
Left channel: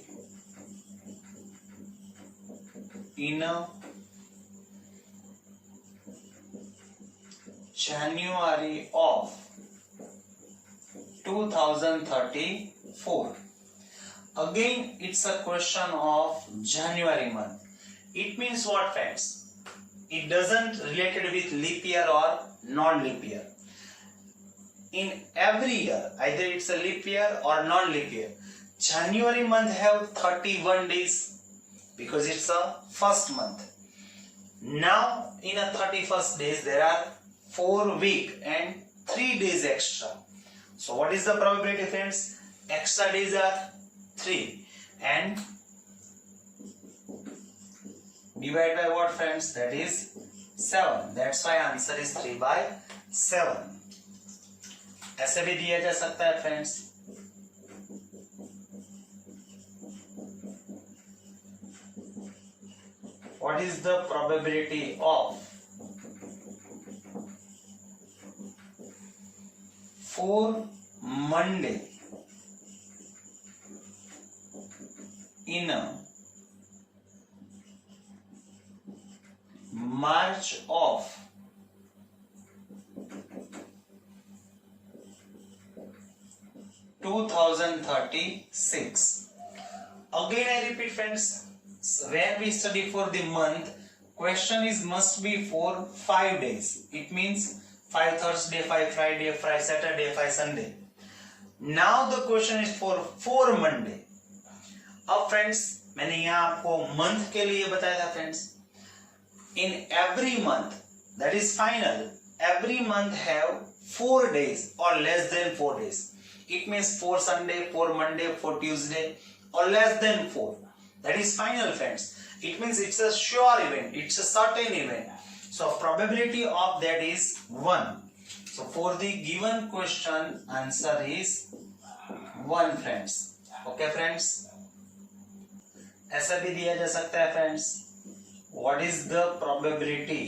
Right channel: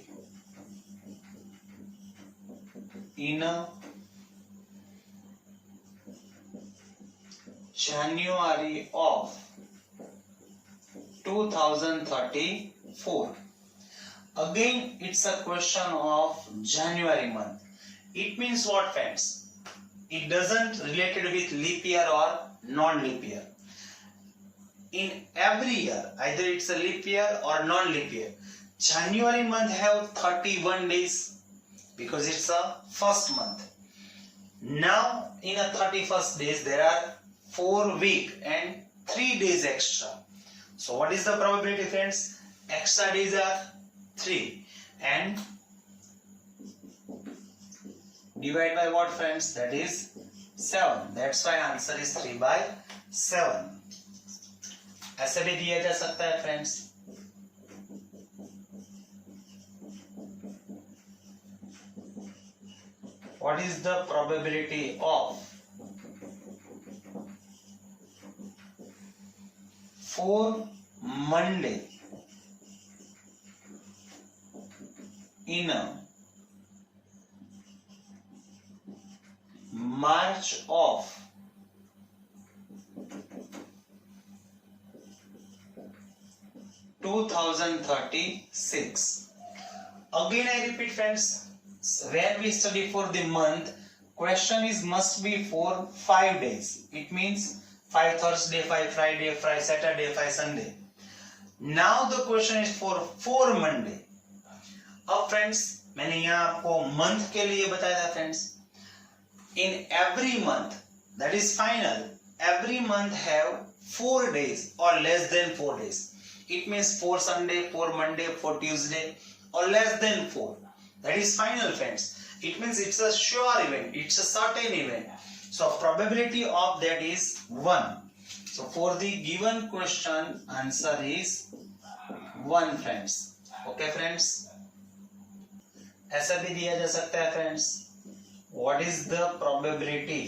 in a January of 2034? Again, it's a question of January month. It means what, friends? It doesn't related with leap year or non-leap year. In every year, either it's a leap year or non-leap year, January month have 31 days because it's a first month. Now in a 31st days there are 4 week and 3 days extra. So what is the probability, friends? Extra days are 3 and divide by what, friends? That is 7. That's why answer is 3/7. ऐसे भी दिया जा सकता है, friends. What is the probability of 4 Monday in a March of 2036? Again I repeat, friends, when we study for the month, question is must be for 5 days. It means 5 Thursday, 5 Friday, 5 Saturday, 5 Sunday. Now the question is for 4 Monday. अब friends मैंने यहाँ आपको month के लिए बताया था, friends. In every month, that is final, every month have 4 days or less than 4 days. It means 4 Sunday, 4 Monday, 4 Tuesday or less than 4. That is final, friends. It means it's a sure event. It's a certain event. So probability of that is 1. So for the given question, answer is 1, friends. Okay, friends. ऐसा भी दिया जा सकता है, friends. What is the probability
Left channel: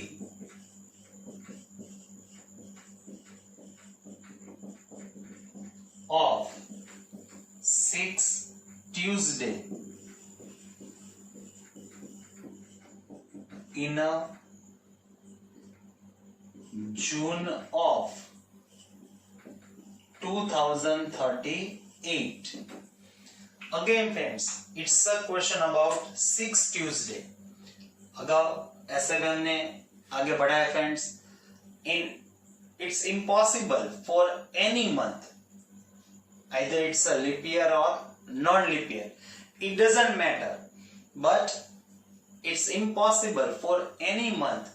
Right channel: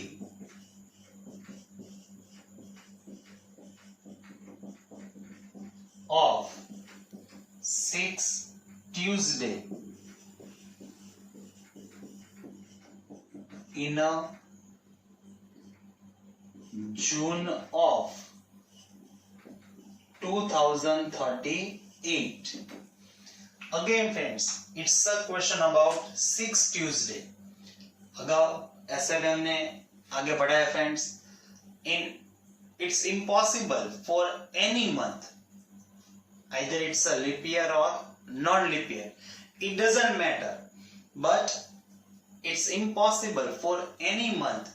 of 6 Tuesday in a June of 2038? Again, friends, it's a question about 6 Tuesday. अगर ऐसे में हमने आगे बढ़ा है, friends. It's impossible for any month, either it's a leap year or non-leap year. It doesn't matter, but it's impossible for any month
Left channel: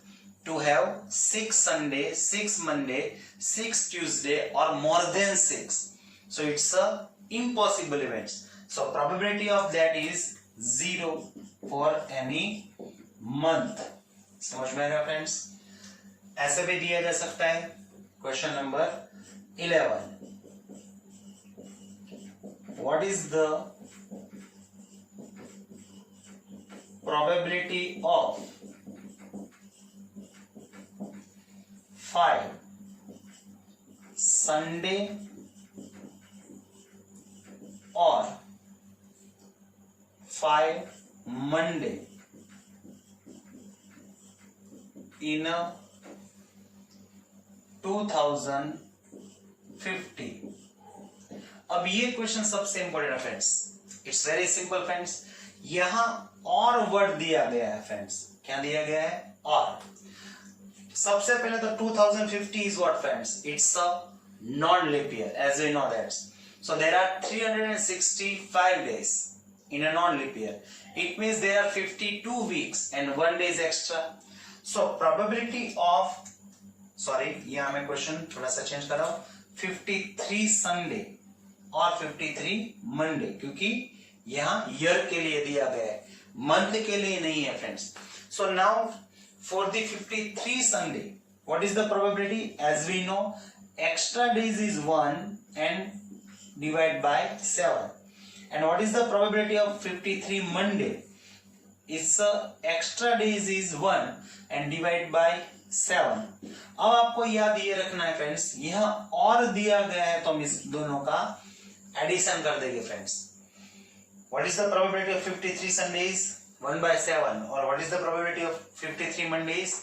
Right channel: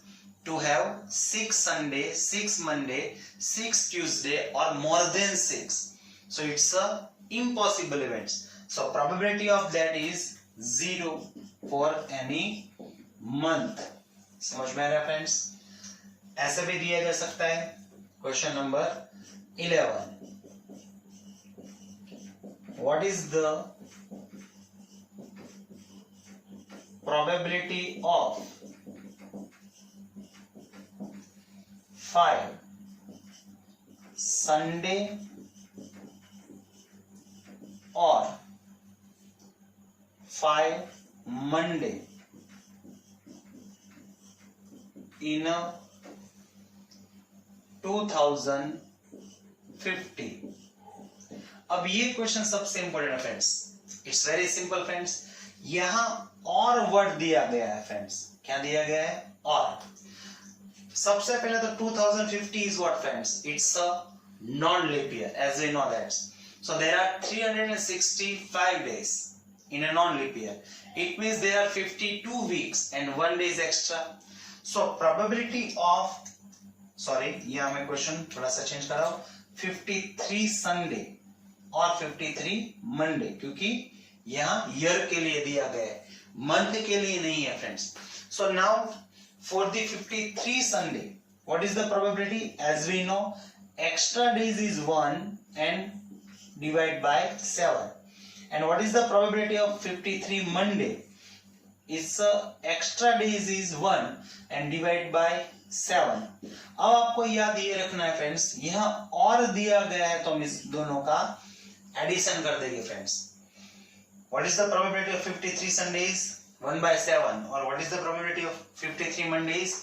to have 6 Sunday, 6 Monday, 6 Tuesday or more than 6. So it's a impossible events. So probability of that is 0 for any month. समझ में आ रहा, friends? ऐसे भी दिया जा सकता है. Question number 11. What is the probability of 5 Sunday or 5 Monday in a 2050? अब ये क्वेश्चन सबसे इंपॉर्टेंट है, friends. It's very simple, friends. यहां और वर्ड दिया गया है, फ्रेंड्स. क्या दिया गया है? और. सबसे पहले तो 2050 is what, friends? It's a non-leap year, as we know that. So there are 365 days in a non-leap year. It means there are 52 weeks and 1 day is extra. So probability of, sorry, यहाँ मैं question थोड़ा सा change कर रहा हूँ. 53 Sunday और 53 Monday, क्योंकि यहाँ ईयर के लिए दिया गया है, मंथ के लिए नहीं है, friends. So now for the 53 Sunday, what is the probability? As we know, extra days is 1 and divide by 7. And what is the probability of 53 Monday? its extra days is 1 and divide by 7. अब आपको याद ये रखना है friends, यहाँ और दिया गया है तो हम इस दोनों का एडिशन कर देंगे friends. What is the probability of 53 Sundays? 1 by 7. Or what is the probability of 53 Mondays?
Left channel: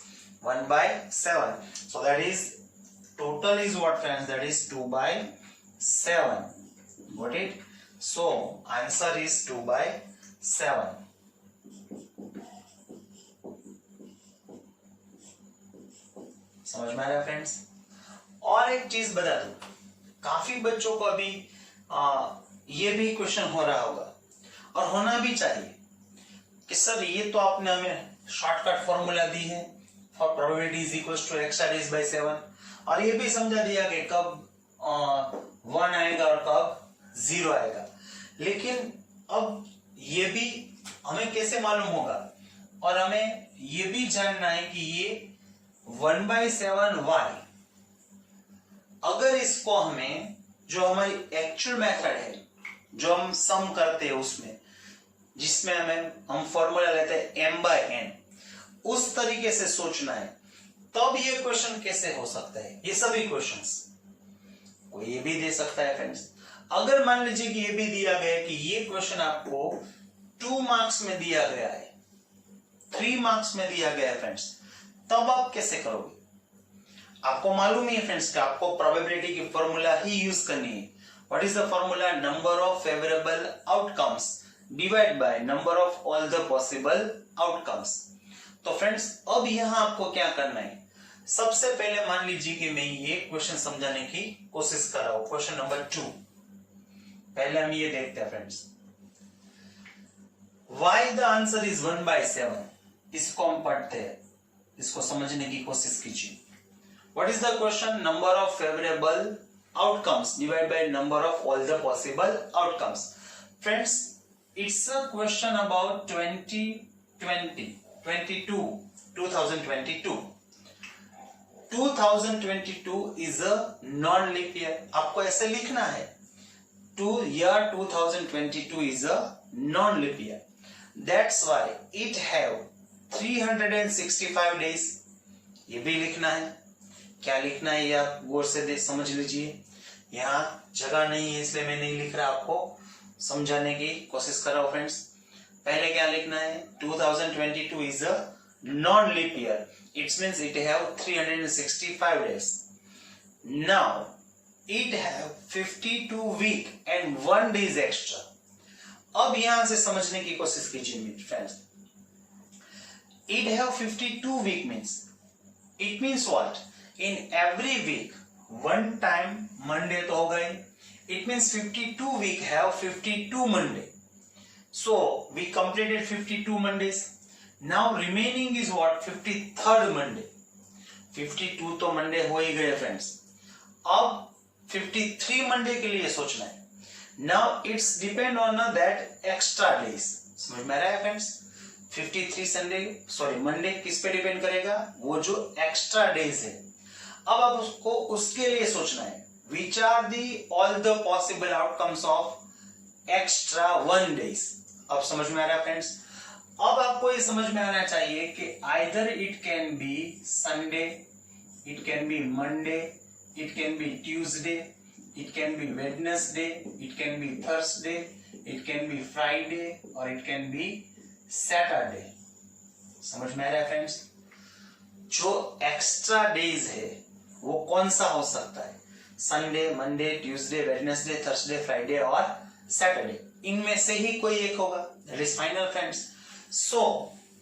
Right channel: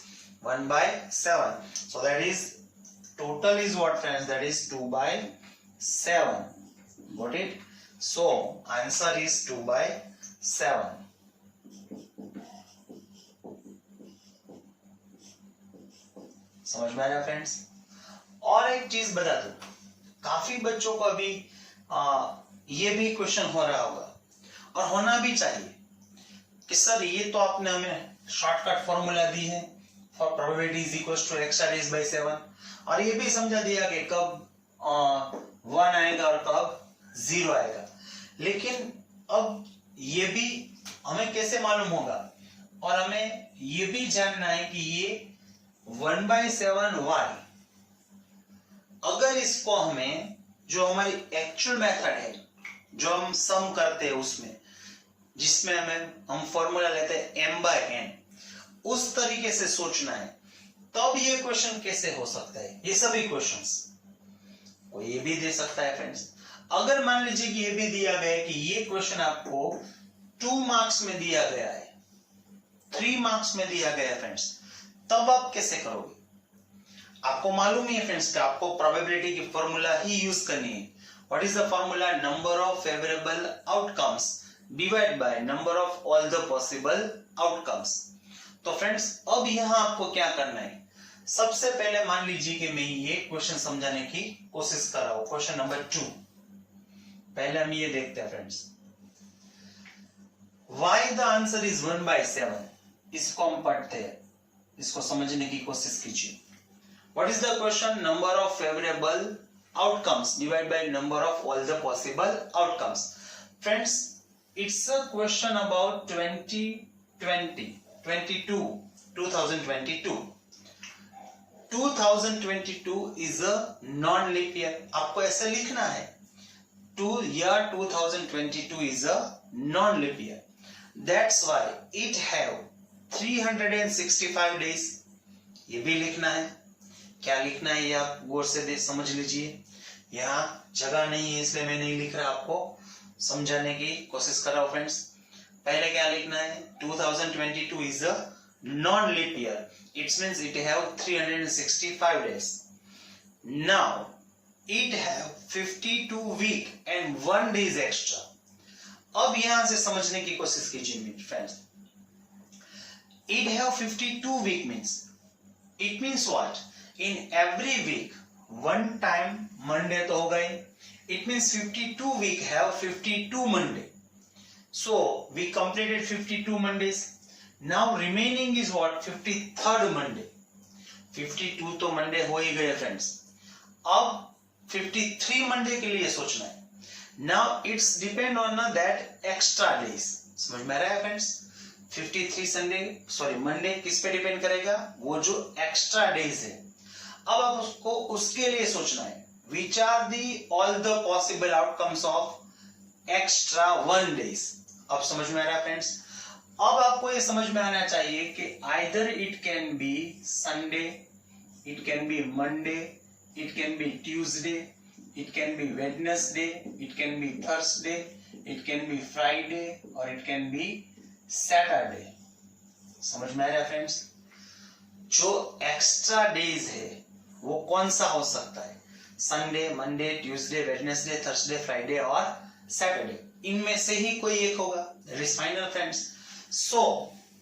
1 by 7. So that is total is what friends? That is 2 by 7. Got it? So answer is 2 by 7. समझ में आया friends? और एक चीज बता दूं, काफी बच्चों को अभी ये भी क्वेश्चन हो रहा होगा और होना भी चाहिए कि सर ये तो आपने हमें शॉर्टकट फॉर्मूला दी है for probability is equals to extra days by 7 और ये भी समझा दिया कि कब 1 आएगा और कब 0 आएगा, लेकिन अब ये भी हमें कैसे मालूम होगा और हमें ये भी जानना है कि ये 1 by 7 y, अगर इसको हमें जो हमारी एक्चुअल मेथड है जो हम सम करते हैं उसमें जिसमें हम फॉर्मूला लेते हैं m by n, उस तरीके से सोचना है तब ये क्वेश्चन कैसे हो सकता है. ये सभी क्वेश्चंस कोई ये भी दे सकता है फ्रेंड्स. अगर मान लीजिए कि ये भी दिया गया है कि ये क्वेश्चन आपको 2 मार्क्स में दिया गया है, 3 मार्क्स में दिया गया है फ्रेंड्स, तब आप कैसे करोगे? आपको मालूम ही है फ्रेंड्स कि आपको प्रोबेबिलिटी की फॉर्मूला ही यूज करनी है. What is the formula? Number of favourable outcomes divide by number of all the possible outcomes. तो फ्रेंड्स अब यहां आपको क्या करना है, सबसे पहले मान लीजिए कि मैं ये क्वेश्चन समझाने की कोशिश कर रहा हूं, क्वेश्चन नंबर 2. पहले हम ये देखते हैं friends, why the answer is 1 by 7. इसको हम पढ़ते हैं, इसको समझने की कोशिश कीजिए. What is the question? Number of favorable outcomes divided by number of all the possible outcomes. Friends, it's a question about 2022. 2022 is a non-leap year. आपको ऐसे लिखना है, year 2022 is a non-leap year. That's why it have 365 days. ये भी लिखना है. क्या लिखना है ये आप गौर से समझ लीजिए. यहाँ जगह नहीं है इसलिए मैं नहीं लिख रहा, आपको समझाने की कोशिश कर रहा हूँ फ्रेंड्स. पहले क्या लिखना है? 2022 is a non-leap year. It means it have 365 days. Now it have 52 week and 1 days extra. अब यहाँ से समझने की कोशिश कीजिए मेरे friends. It have 52 week means what? In every week one time Monday तो होगा ही. It means 52 week have 52 Monday. So we completed 52 Mondays. Now remaining is what? 53rd Monday. 52 तो Monday हो ही गए फ्रेंड्स. अब 53 Monday के लिए सोचना है. Now it's depend on that extra days. समझ में आ रहा है फ्रेंड्स? 53 मंडे किस पे डिपेंड करेगा? वो जो एक्स्ट्रा डेज है. अब आप उसको उसके लिए सोचना है, which are the all the possible outcomes of extra 1 days. अब समझ में आ रहा है फ्रेंड्स? अब आपको ये समझ में आना चाहिए कि either it can be Sunday, it can be Monday, it can be Tuesday, it can be Wednesday, it can be Thursday, it can be Friday और इट कैन बी सैटरडे. समझ में आ रहा है फ्रेंड्स? जो एक्स्ट्रा डेज है वो कौन सा हो सकता है? Sunday, Monday, Tuesday, Wednesday, Thursday, Friday और सैटरडे. इनमें से ही कोई एक होगा. That is final friends. So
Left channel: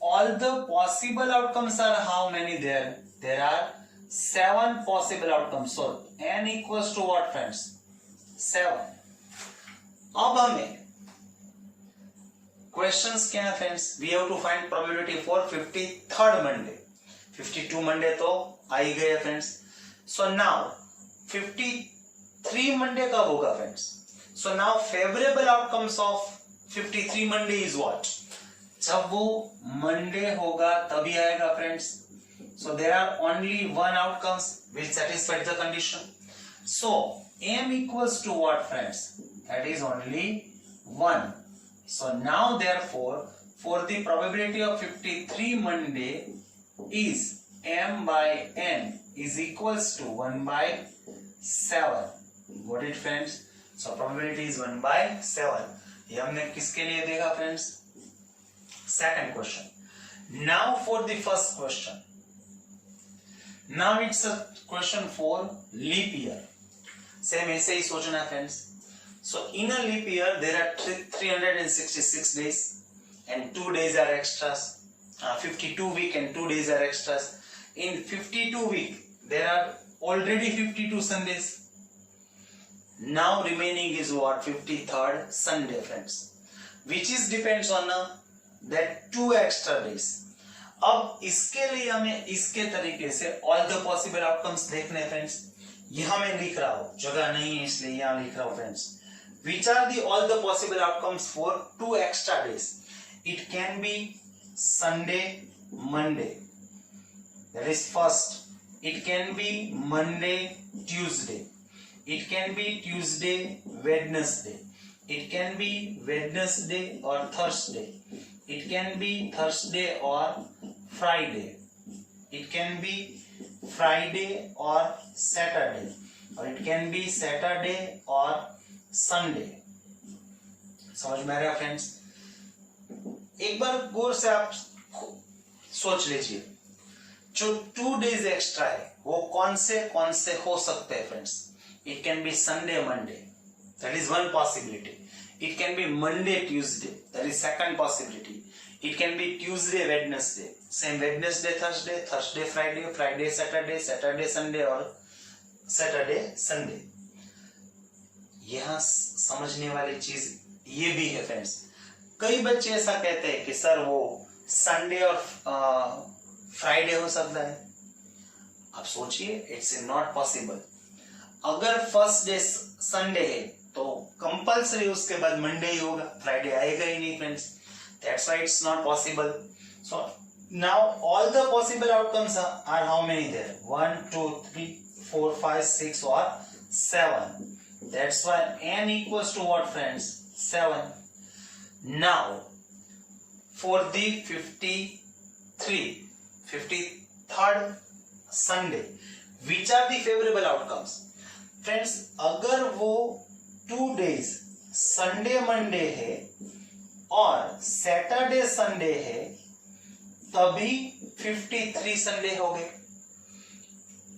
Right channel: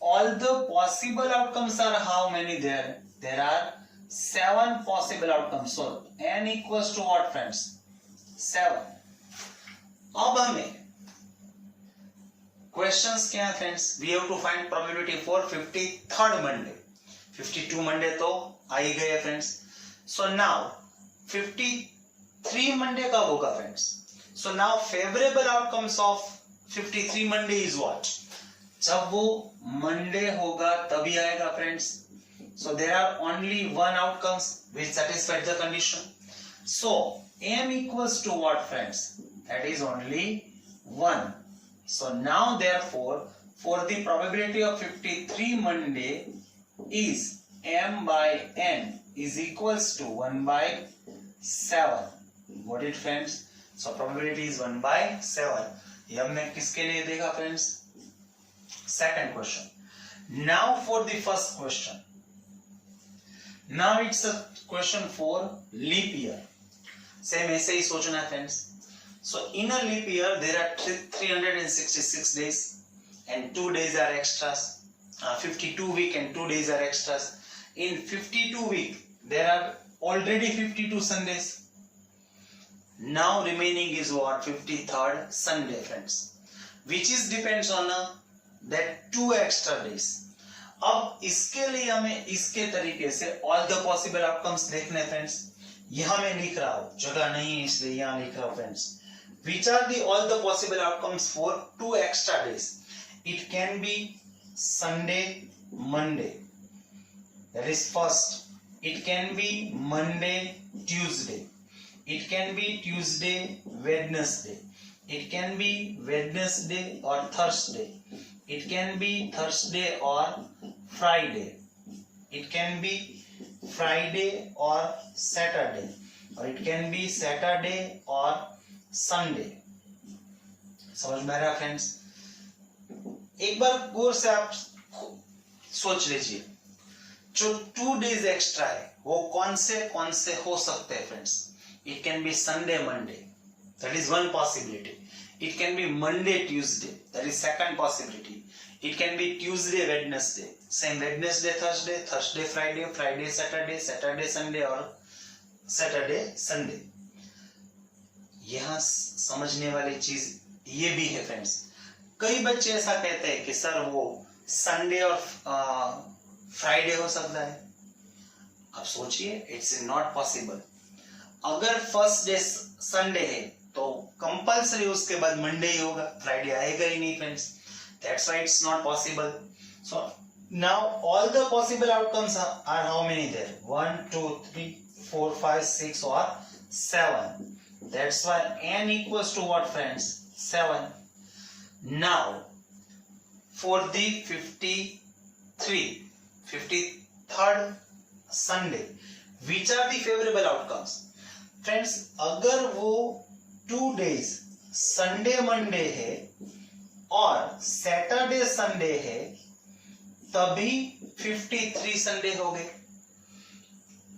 all the possible outcomes are how many? There are 7 possible outcomes. So n equals to what friends? 7. अब हमें क्वेश्चंस क्या है friends? We have to find probability for 53rd Monday. 52 Monday तो आ ही गए friends. So now 53 Monday कब होगा friends? So now favourable outcomes of 53 Monday is what? जब वो मंडे होगा तभी आएगा friends. So there are only 1 outcomes which satisfies the condition. So m equals to what friends? That is only 1. So now therefore for the probability of 53 Monday is m by n is equals to 1 by 7. Got it friends? So probability is 1 by 7. ये हमने किसके लिए देखा friends? Second question. Now for the first question. Now it's a question for leap year. Same ऐसे ही सोचना है friends. So in a leap year there are 366 days and 2 days are extras. 52 week and 2 days are extras. In 52 week there are already 52 Sundays. Now remaining is what? 53rd Sunday friends, which is depends on that 2 extra days. अब इसके लिए हमें इसके तरीके से all the possible outcomes देखने friends. यहाँ मैं लिख रहा हूँ, जगह नहीं है इसलिए यहाँ लिख रहा हूँ friends. Which are the all the possible outcomes for 2 extra days? It can be Sunday, Monday. That is first. It can be Monday, Tuesday. It can be Tuesday, Wednesday. It can be Wednesday or Thursday. It can be Thursday or Friday. It can be Friday or Saturday. Or it can be Saturday or Sunday. समझ में आ रहा है friends? एक बार गौर से आप सोच लीजिए, जो 2 days एक्स्ट्रा है वो कौन से हो सकते हैं friends? It can be Sunday, Monday. That is one possibility. It can be Monday, Tuesday. That is second possibility. It can be Tuesday, Wednesday. Same Wednesday, Thursday, Thursday, Friday, Friday, Saturday, Saturday, Sunday और Saturday, Sunday. यहाँ समझने वाली चीज ये भी है friends. कई बच्चे ऐसा कहते हैं कि सर वो संडे और फ्राइडे हो सकता है. अब सोचिए, इट्स नॉट पॉसिबल. अगर फर्स्ट डे संडे है तो कंपल्सरी उसके बाद मंडे ही होगा, फ्राइडे आएगा ही नहीं friends. That's why it's not possible. So now all the possible outcomes are how many there? 1 2 3 4 5 6 or 7. That's why n equals to what friends? 7. Now for the 53rd Sunday, which are the favorable outcomes? Friends अगर वो 2 days Sunday Monday है और Saturday Sunday है तभी 53 Sunday हो गए.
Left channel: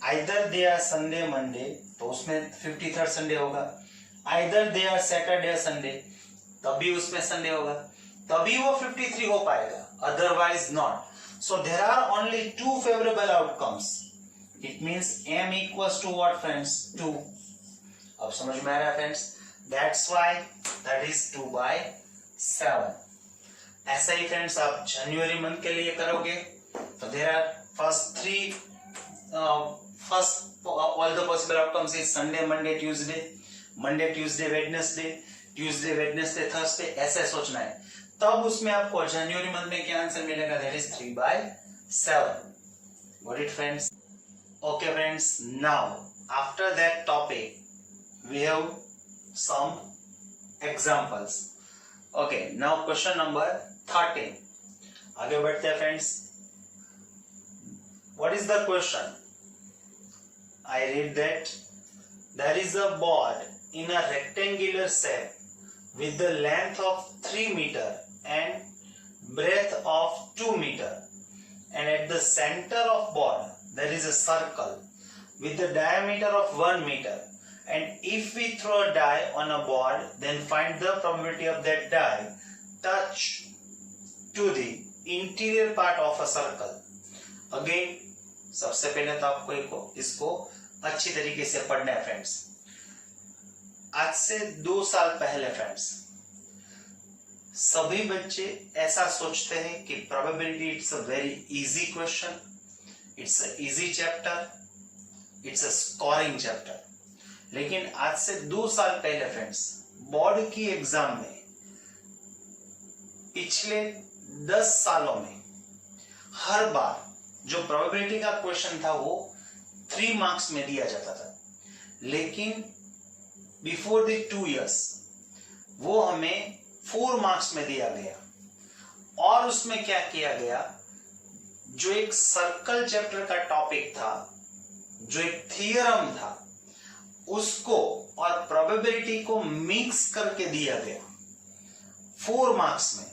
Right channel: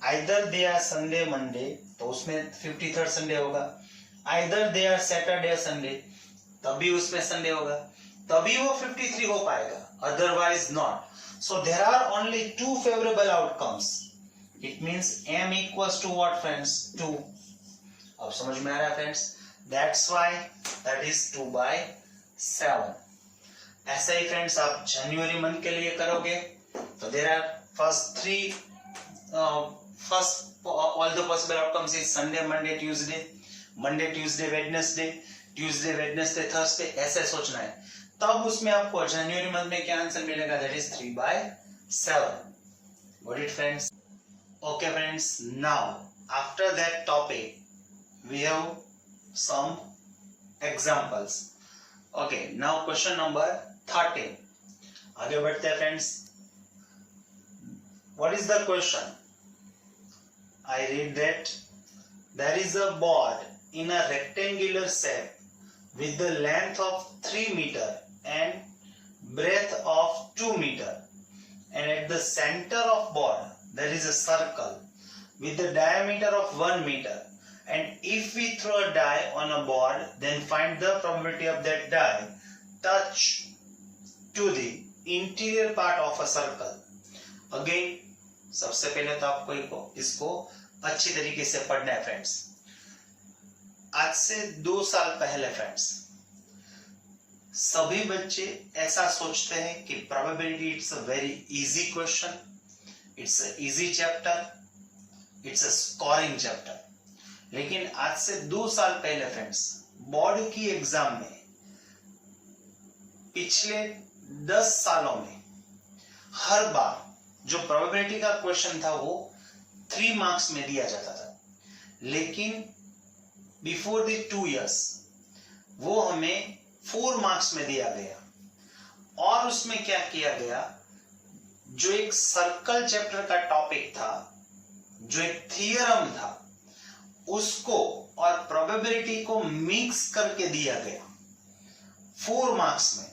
Either they are Sunday Monday तो उसमें 53rd संडे होगा, either they are Saturday Sunday तभी उसमें संडे होगा, तभी वो 53 हो पाएगा, otherwise not. So there are only 2 favourable outcomes. It means m equals to what friends? 2. अब समझ में आ रहा है friends? That's why that is 2 by 7. ऐसा ही फ्रेंड्स आप जनवरी मंथ के लिए करोगे तो there are first all the possible outcomes is Sunday, Monday, Tuesday, Monday, Tuesday, Wednesday, Tuesday, Wednesday, Thursday. ऐसे सोचना है. तब उसमें आपको जनवरी मंथ में क्या आंसर मिलेगा? That is 3 by 7. Got it friends? Okay friends, now after that topic we have some examples. Okay, now question number 13. आगे बढ़ते हैं friends. What is the question? I read that there is a board in a rectangular shape with the length of 3 meter and breadth of 2 meter, and at the center of board there is a circle with the diameter of 1 meter, and if we throw a die on a board then find the probability of that die touch to the interior part of a circle. Again, सबसे पहले तो आपको इसको अच्छी तरीके से पढ़ना है फ्रेंड्स. आज से 2 साल पहले फ्रेंड्स सभी बच्चे ऐसा सोचते हैं कि probability it's a very easy question, it's a easy chapter, it's a scoring chapter. लेकिन आज से 2 साल पहले फ्रेंड्स बोर्ड की एग्जाम में पिछले 10 सालों में हर बार जो प्रोबेबिलिटी का क्वेश्चन था वो 3 मार्क्स में दिया जाता था, लेकिन बिफोर द 2 years वो हमें 4 मार्क्स में दिया गया. और उसमें क्या किया गया, जो एक सर्कल चैप्टर का टॉपिक था, जो एक थियरम था, उसको और प्रोबेबिलिटी को मिक्स करके दिया गया 4 मार्क्स में।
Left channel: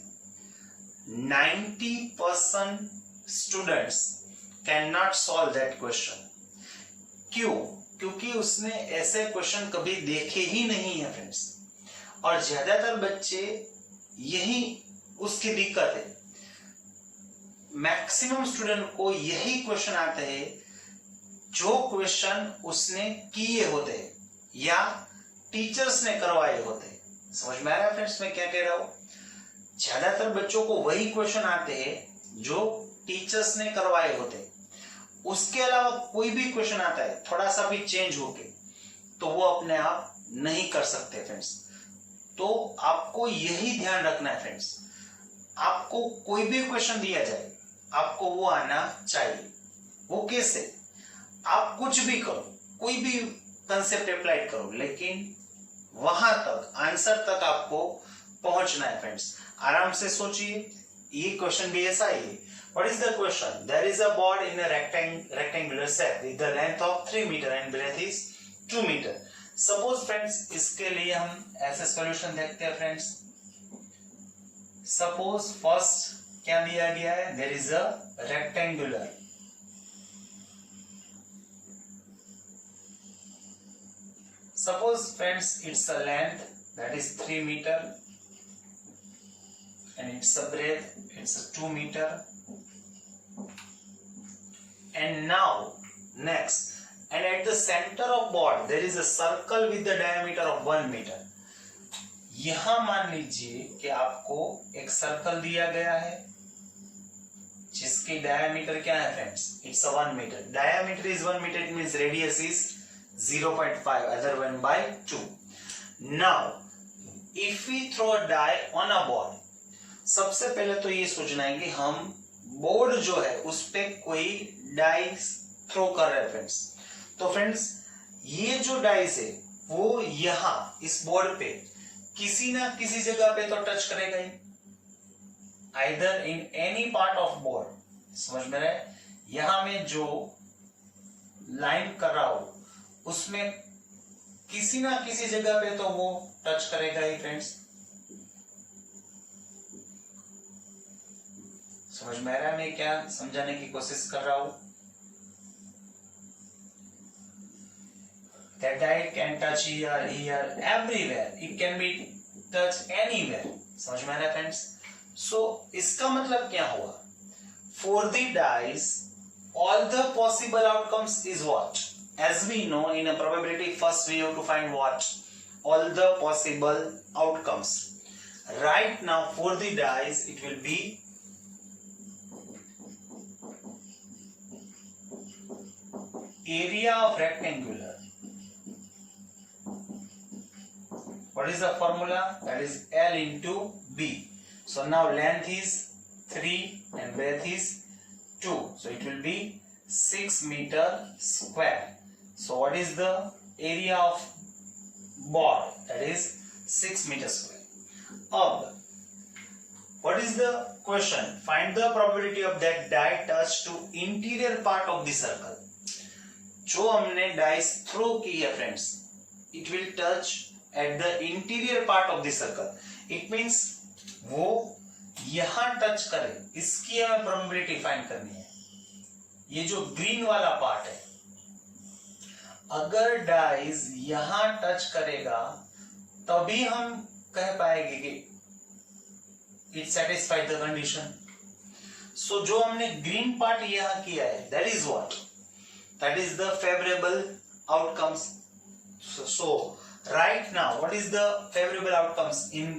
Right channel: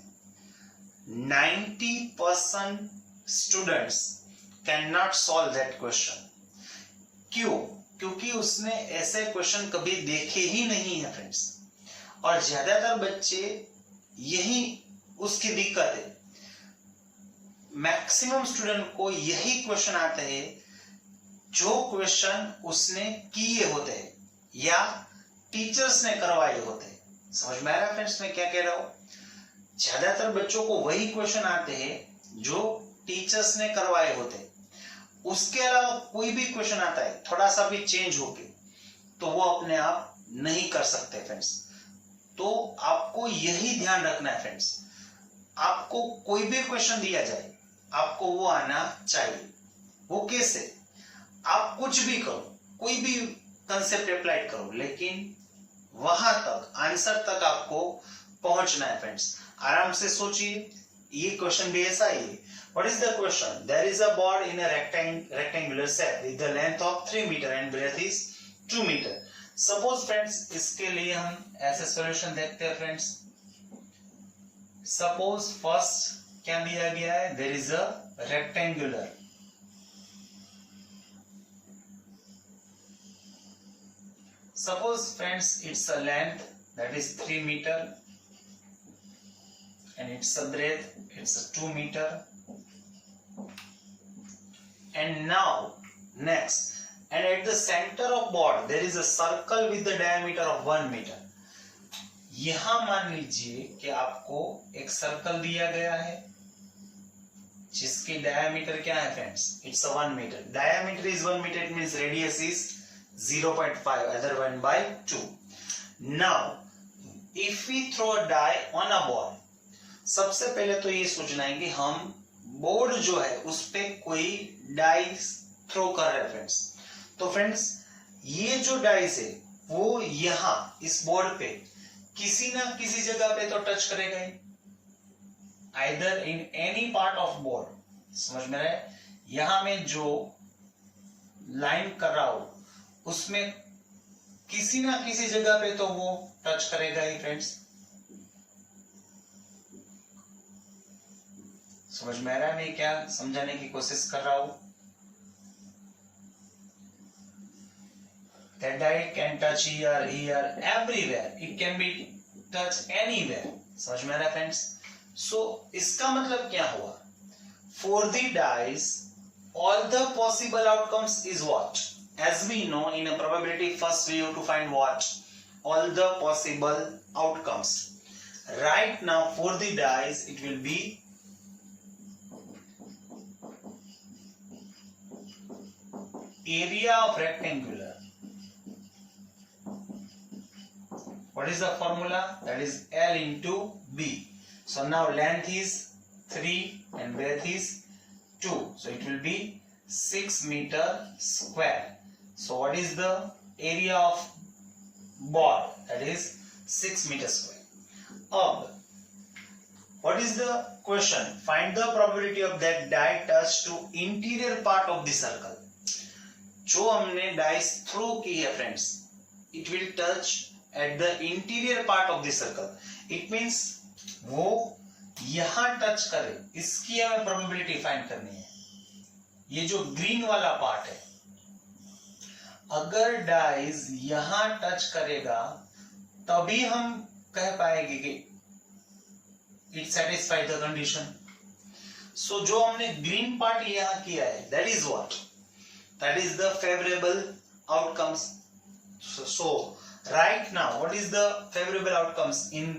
90% students can not solve that question. क्यों? क्योंकि उसने ऐसे क्वेश्चन कभी देखे ही नहीं है फ्रेंड्स, और ज्यादातर बच्चे यही उसकी दिक्कत है। मैक्सिमम स्टूडेंट को यही क्वेश्चन आते हैं जो क्वेश्चन उसने किए होते हैं या टीचर्स ने करवाए होते हैं। समझ में आ रहा है फ्रेंड्स मैं क्या कह रहा हूं? ज्यादातर बच्चों को वही क्वेश्चन आते हैं जो टीचर्स ने करवाए होते हैं। उसके अलावा कोई भी क्वेश्चन आता है थोड़ा सा भी चेंज होके, तो वो अपने आप नहीं कर सकते फ्रेंड्स। तो आपको यही ध्यान रखना है फ्रेंड्स, आपको कोई भी क्वेश्चन दिया जाए आपको वो आना चाहिए। वो कैसे? आप कुछ भी करो, कोई भी कंसेप्ट अप्लाई करो, लेकिन वहां तक, आंसर तक आपको पहुंचना है फ्रेंड्स। आराम से सोचिए, ये क्वेश्चन भी ऐसा ही है। What is the question? There is a board in a rectangular set with the length of 3 meter and breadth is 2 meter. Suppose friends, इसके लिए हम ऐसे सॉल्यूशन देखते हैं फ्रेंड्स। Suppose first क्या दिया गया है? There is a rectangular. Suppose friends, it's a length that is 3 meter and it's a breadth, it's a 2 meter. And now next, and at the center of board there is a circle with the diameter of 1 meter. यहां मान लीजिए कि आपको एक circle दिया गया है जिसकी डायमीटर क्या है friends? It's 1 metre. Diameter is 1 metre, it means radius is 0.5, other 1/2. Now if we throw a die on a board, सबसे पहले तो ये सोचना है कि हम बोर्ड जो है उस पे कोई डाइस थ्रो कर रहे हैं फ्रेंड्स। तो फ्रेंड्स, ये जो डाइस है वो यहां इस बोर्ड पे किसी ना किसी जगह पे तो टच करेगा ही, either in any part of board. समझ में रहे? यहां में जो लाइन कर रहा हूं उसमें किसी ना किसी जगह पे तो वो टच करेगा ही फ्रेंड्स। समझ में आ रहा है मैं क्या समझाने की कोशिश कर रहा हूं? That die can touch here, everywhere. It can be touched anywhere. समझ में आ रहा है फ्रेंड्स? So इसका मतलब क्या हुआ? For the dice, all the possible outcomes is what? As we know in a probability, first we have to find what? All the possible outcomes. Right now for the dice, it will be area of rectangular. What is the formula? That is L into B. So now length is 3 and breadth is 2. So it will be 6 meter square. So what is the area of board? That is 6 meter square. What is the question? Find the probability of that die touch to interior part of the circle. जो हमने dice throw की है friends, it will touch at the interior part of the circle. It means वो यहां touch करे, इसकी हमें probability find करनी है। ये जो ग्रीन वाला पार्ट है, अगर डाइस यहां टच करेगा तभी हम कह पाएंगे कि इट सेटिस्फाइड द कंडीशन। सो जो हमने ग्रीन पार्ट यहां किया है, that is what? That is the favorable outcomes. So right now, what is the favorable outcomes in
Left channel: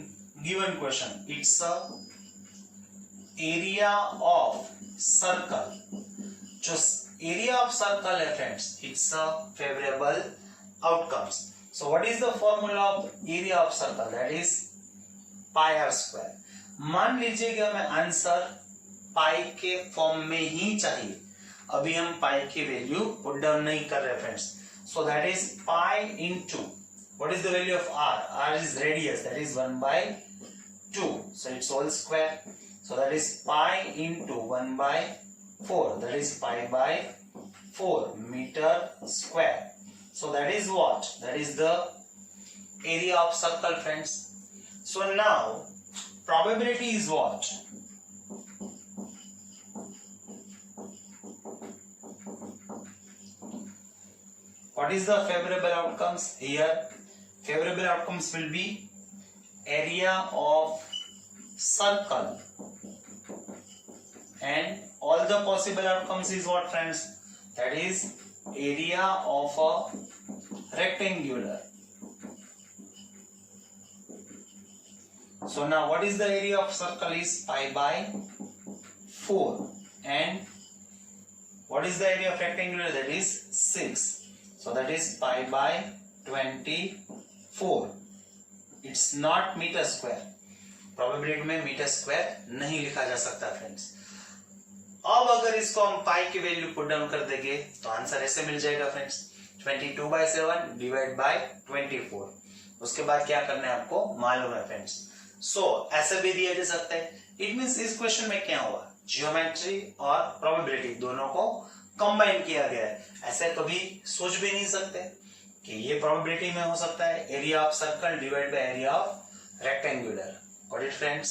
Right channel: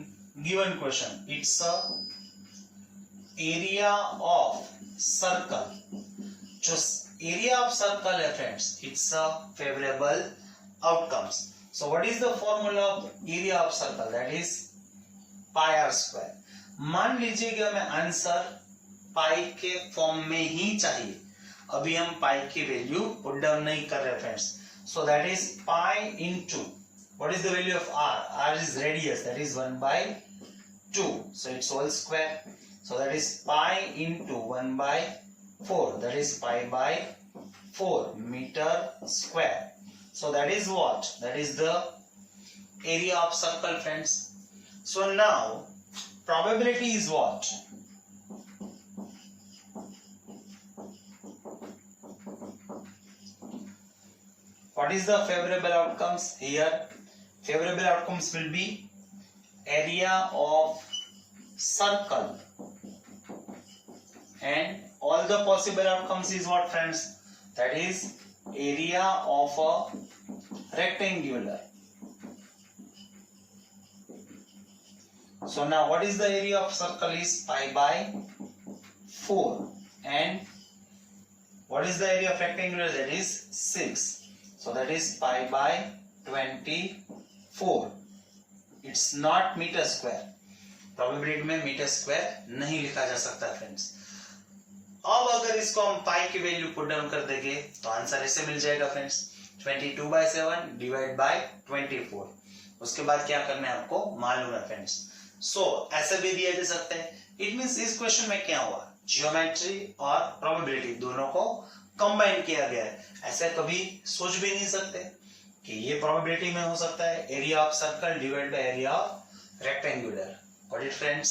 given question? It's a area of circle. जो area of circle है friends, it's a favorable outcomes. So what is the formula of area of circle? That is pi r square. मान लीजिए कि हमें answer पाई के form में ही चाहिए। अभी हम पाई की वैल्यू पुट डाउन नहीं कर रहे friends. So that is pi into what is the value of R? R is radius, that is 1/2. So it's whole square. So that is pi into 1 by 4. That is pi by 4 meter square. So that is what? That is the area of circle, friends. So now probability is what? What is the favorable outcomes here? Favorable outcomes will be area of circle, and all the possible outcomes is what, friends? That is area of a rectangular. So now what is the area of circle is pi by 4, and what is the area of rectangular? That is 6. So that is pi by 24. It's not metre square. Probability में metre square नहीं लिखा जा सकता friends. अब अगर इसको हम पाई की वैल्यू पुट डाउन कर देंगे तो आंसर ऐसे मिल जाएगा फ्रेंड्स, 22/7 डिवाइड बाय 24. उसके बाद क्या करना है आपको मालूम है फ्रेंड्स. सो ऐसे भी दिया जा सकता है. इट मींस इस क्वेश्चन में क्या हुआ, जियोमेट्री और प्रोबेबिलिटी दोनों को कंबाइन किया गया है. ऐसा कभी सोच भी नहीं सकते कि ये प्रोबेबिलिटी में हो सकता है area of circle divide by area of rectangular. Got it friends?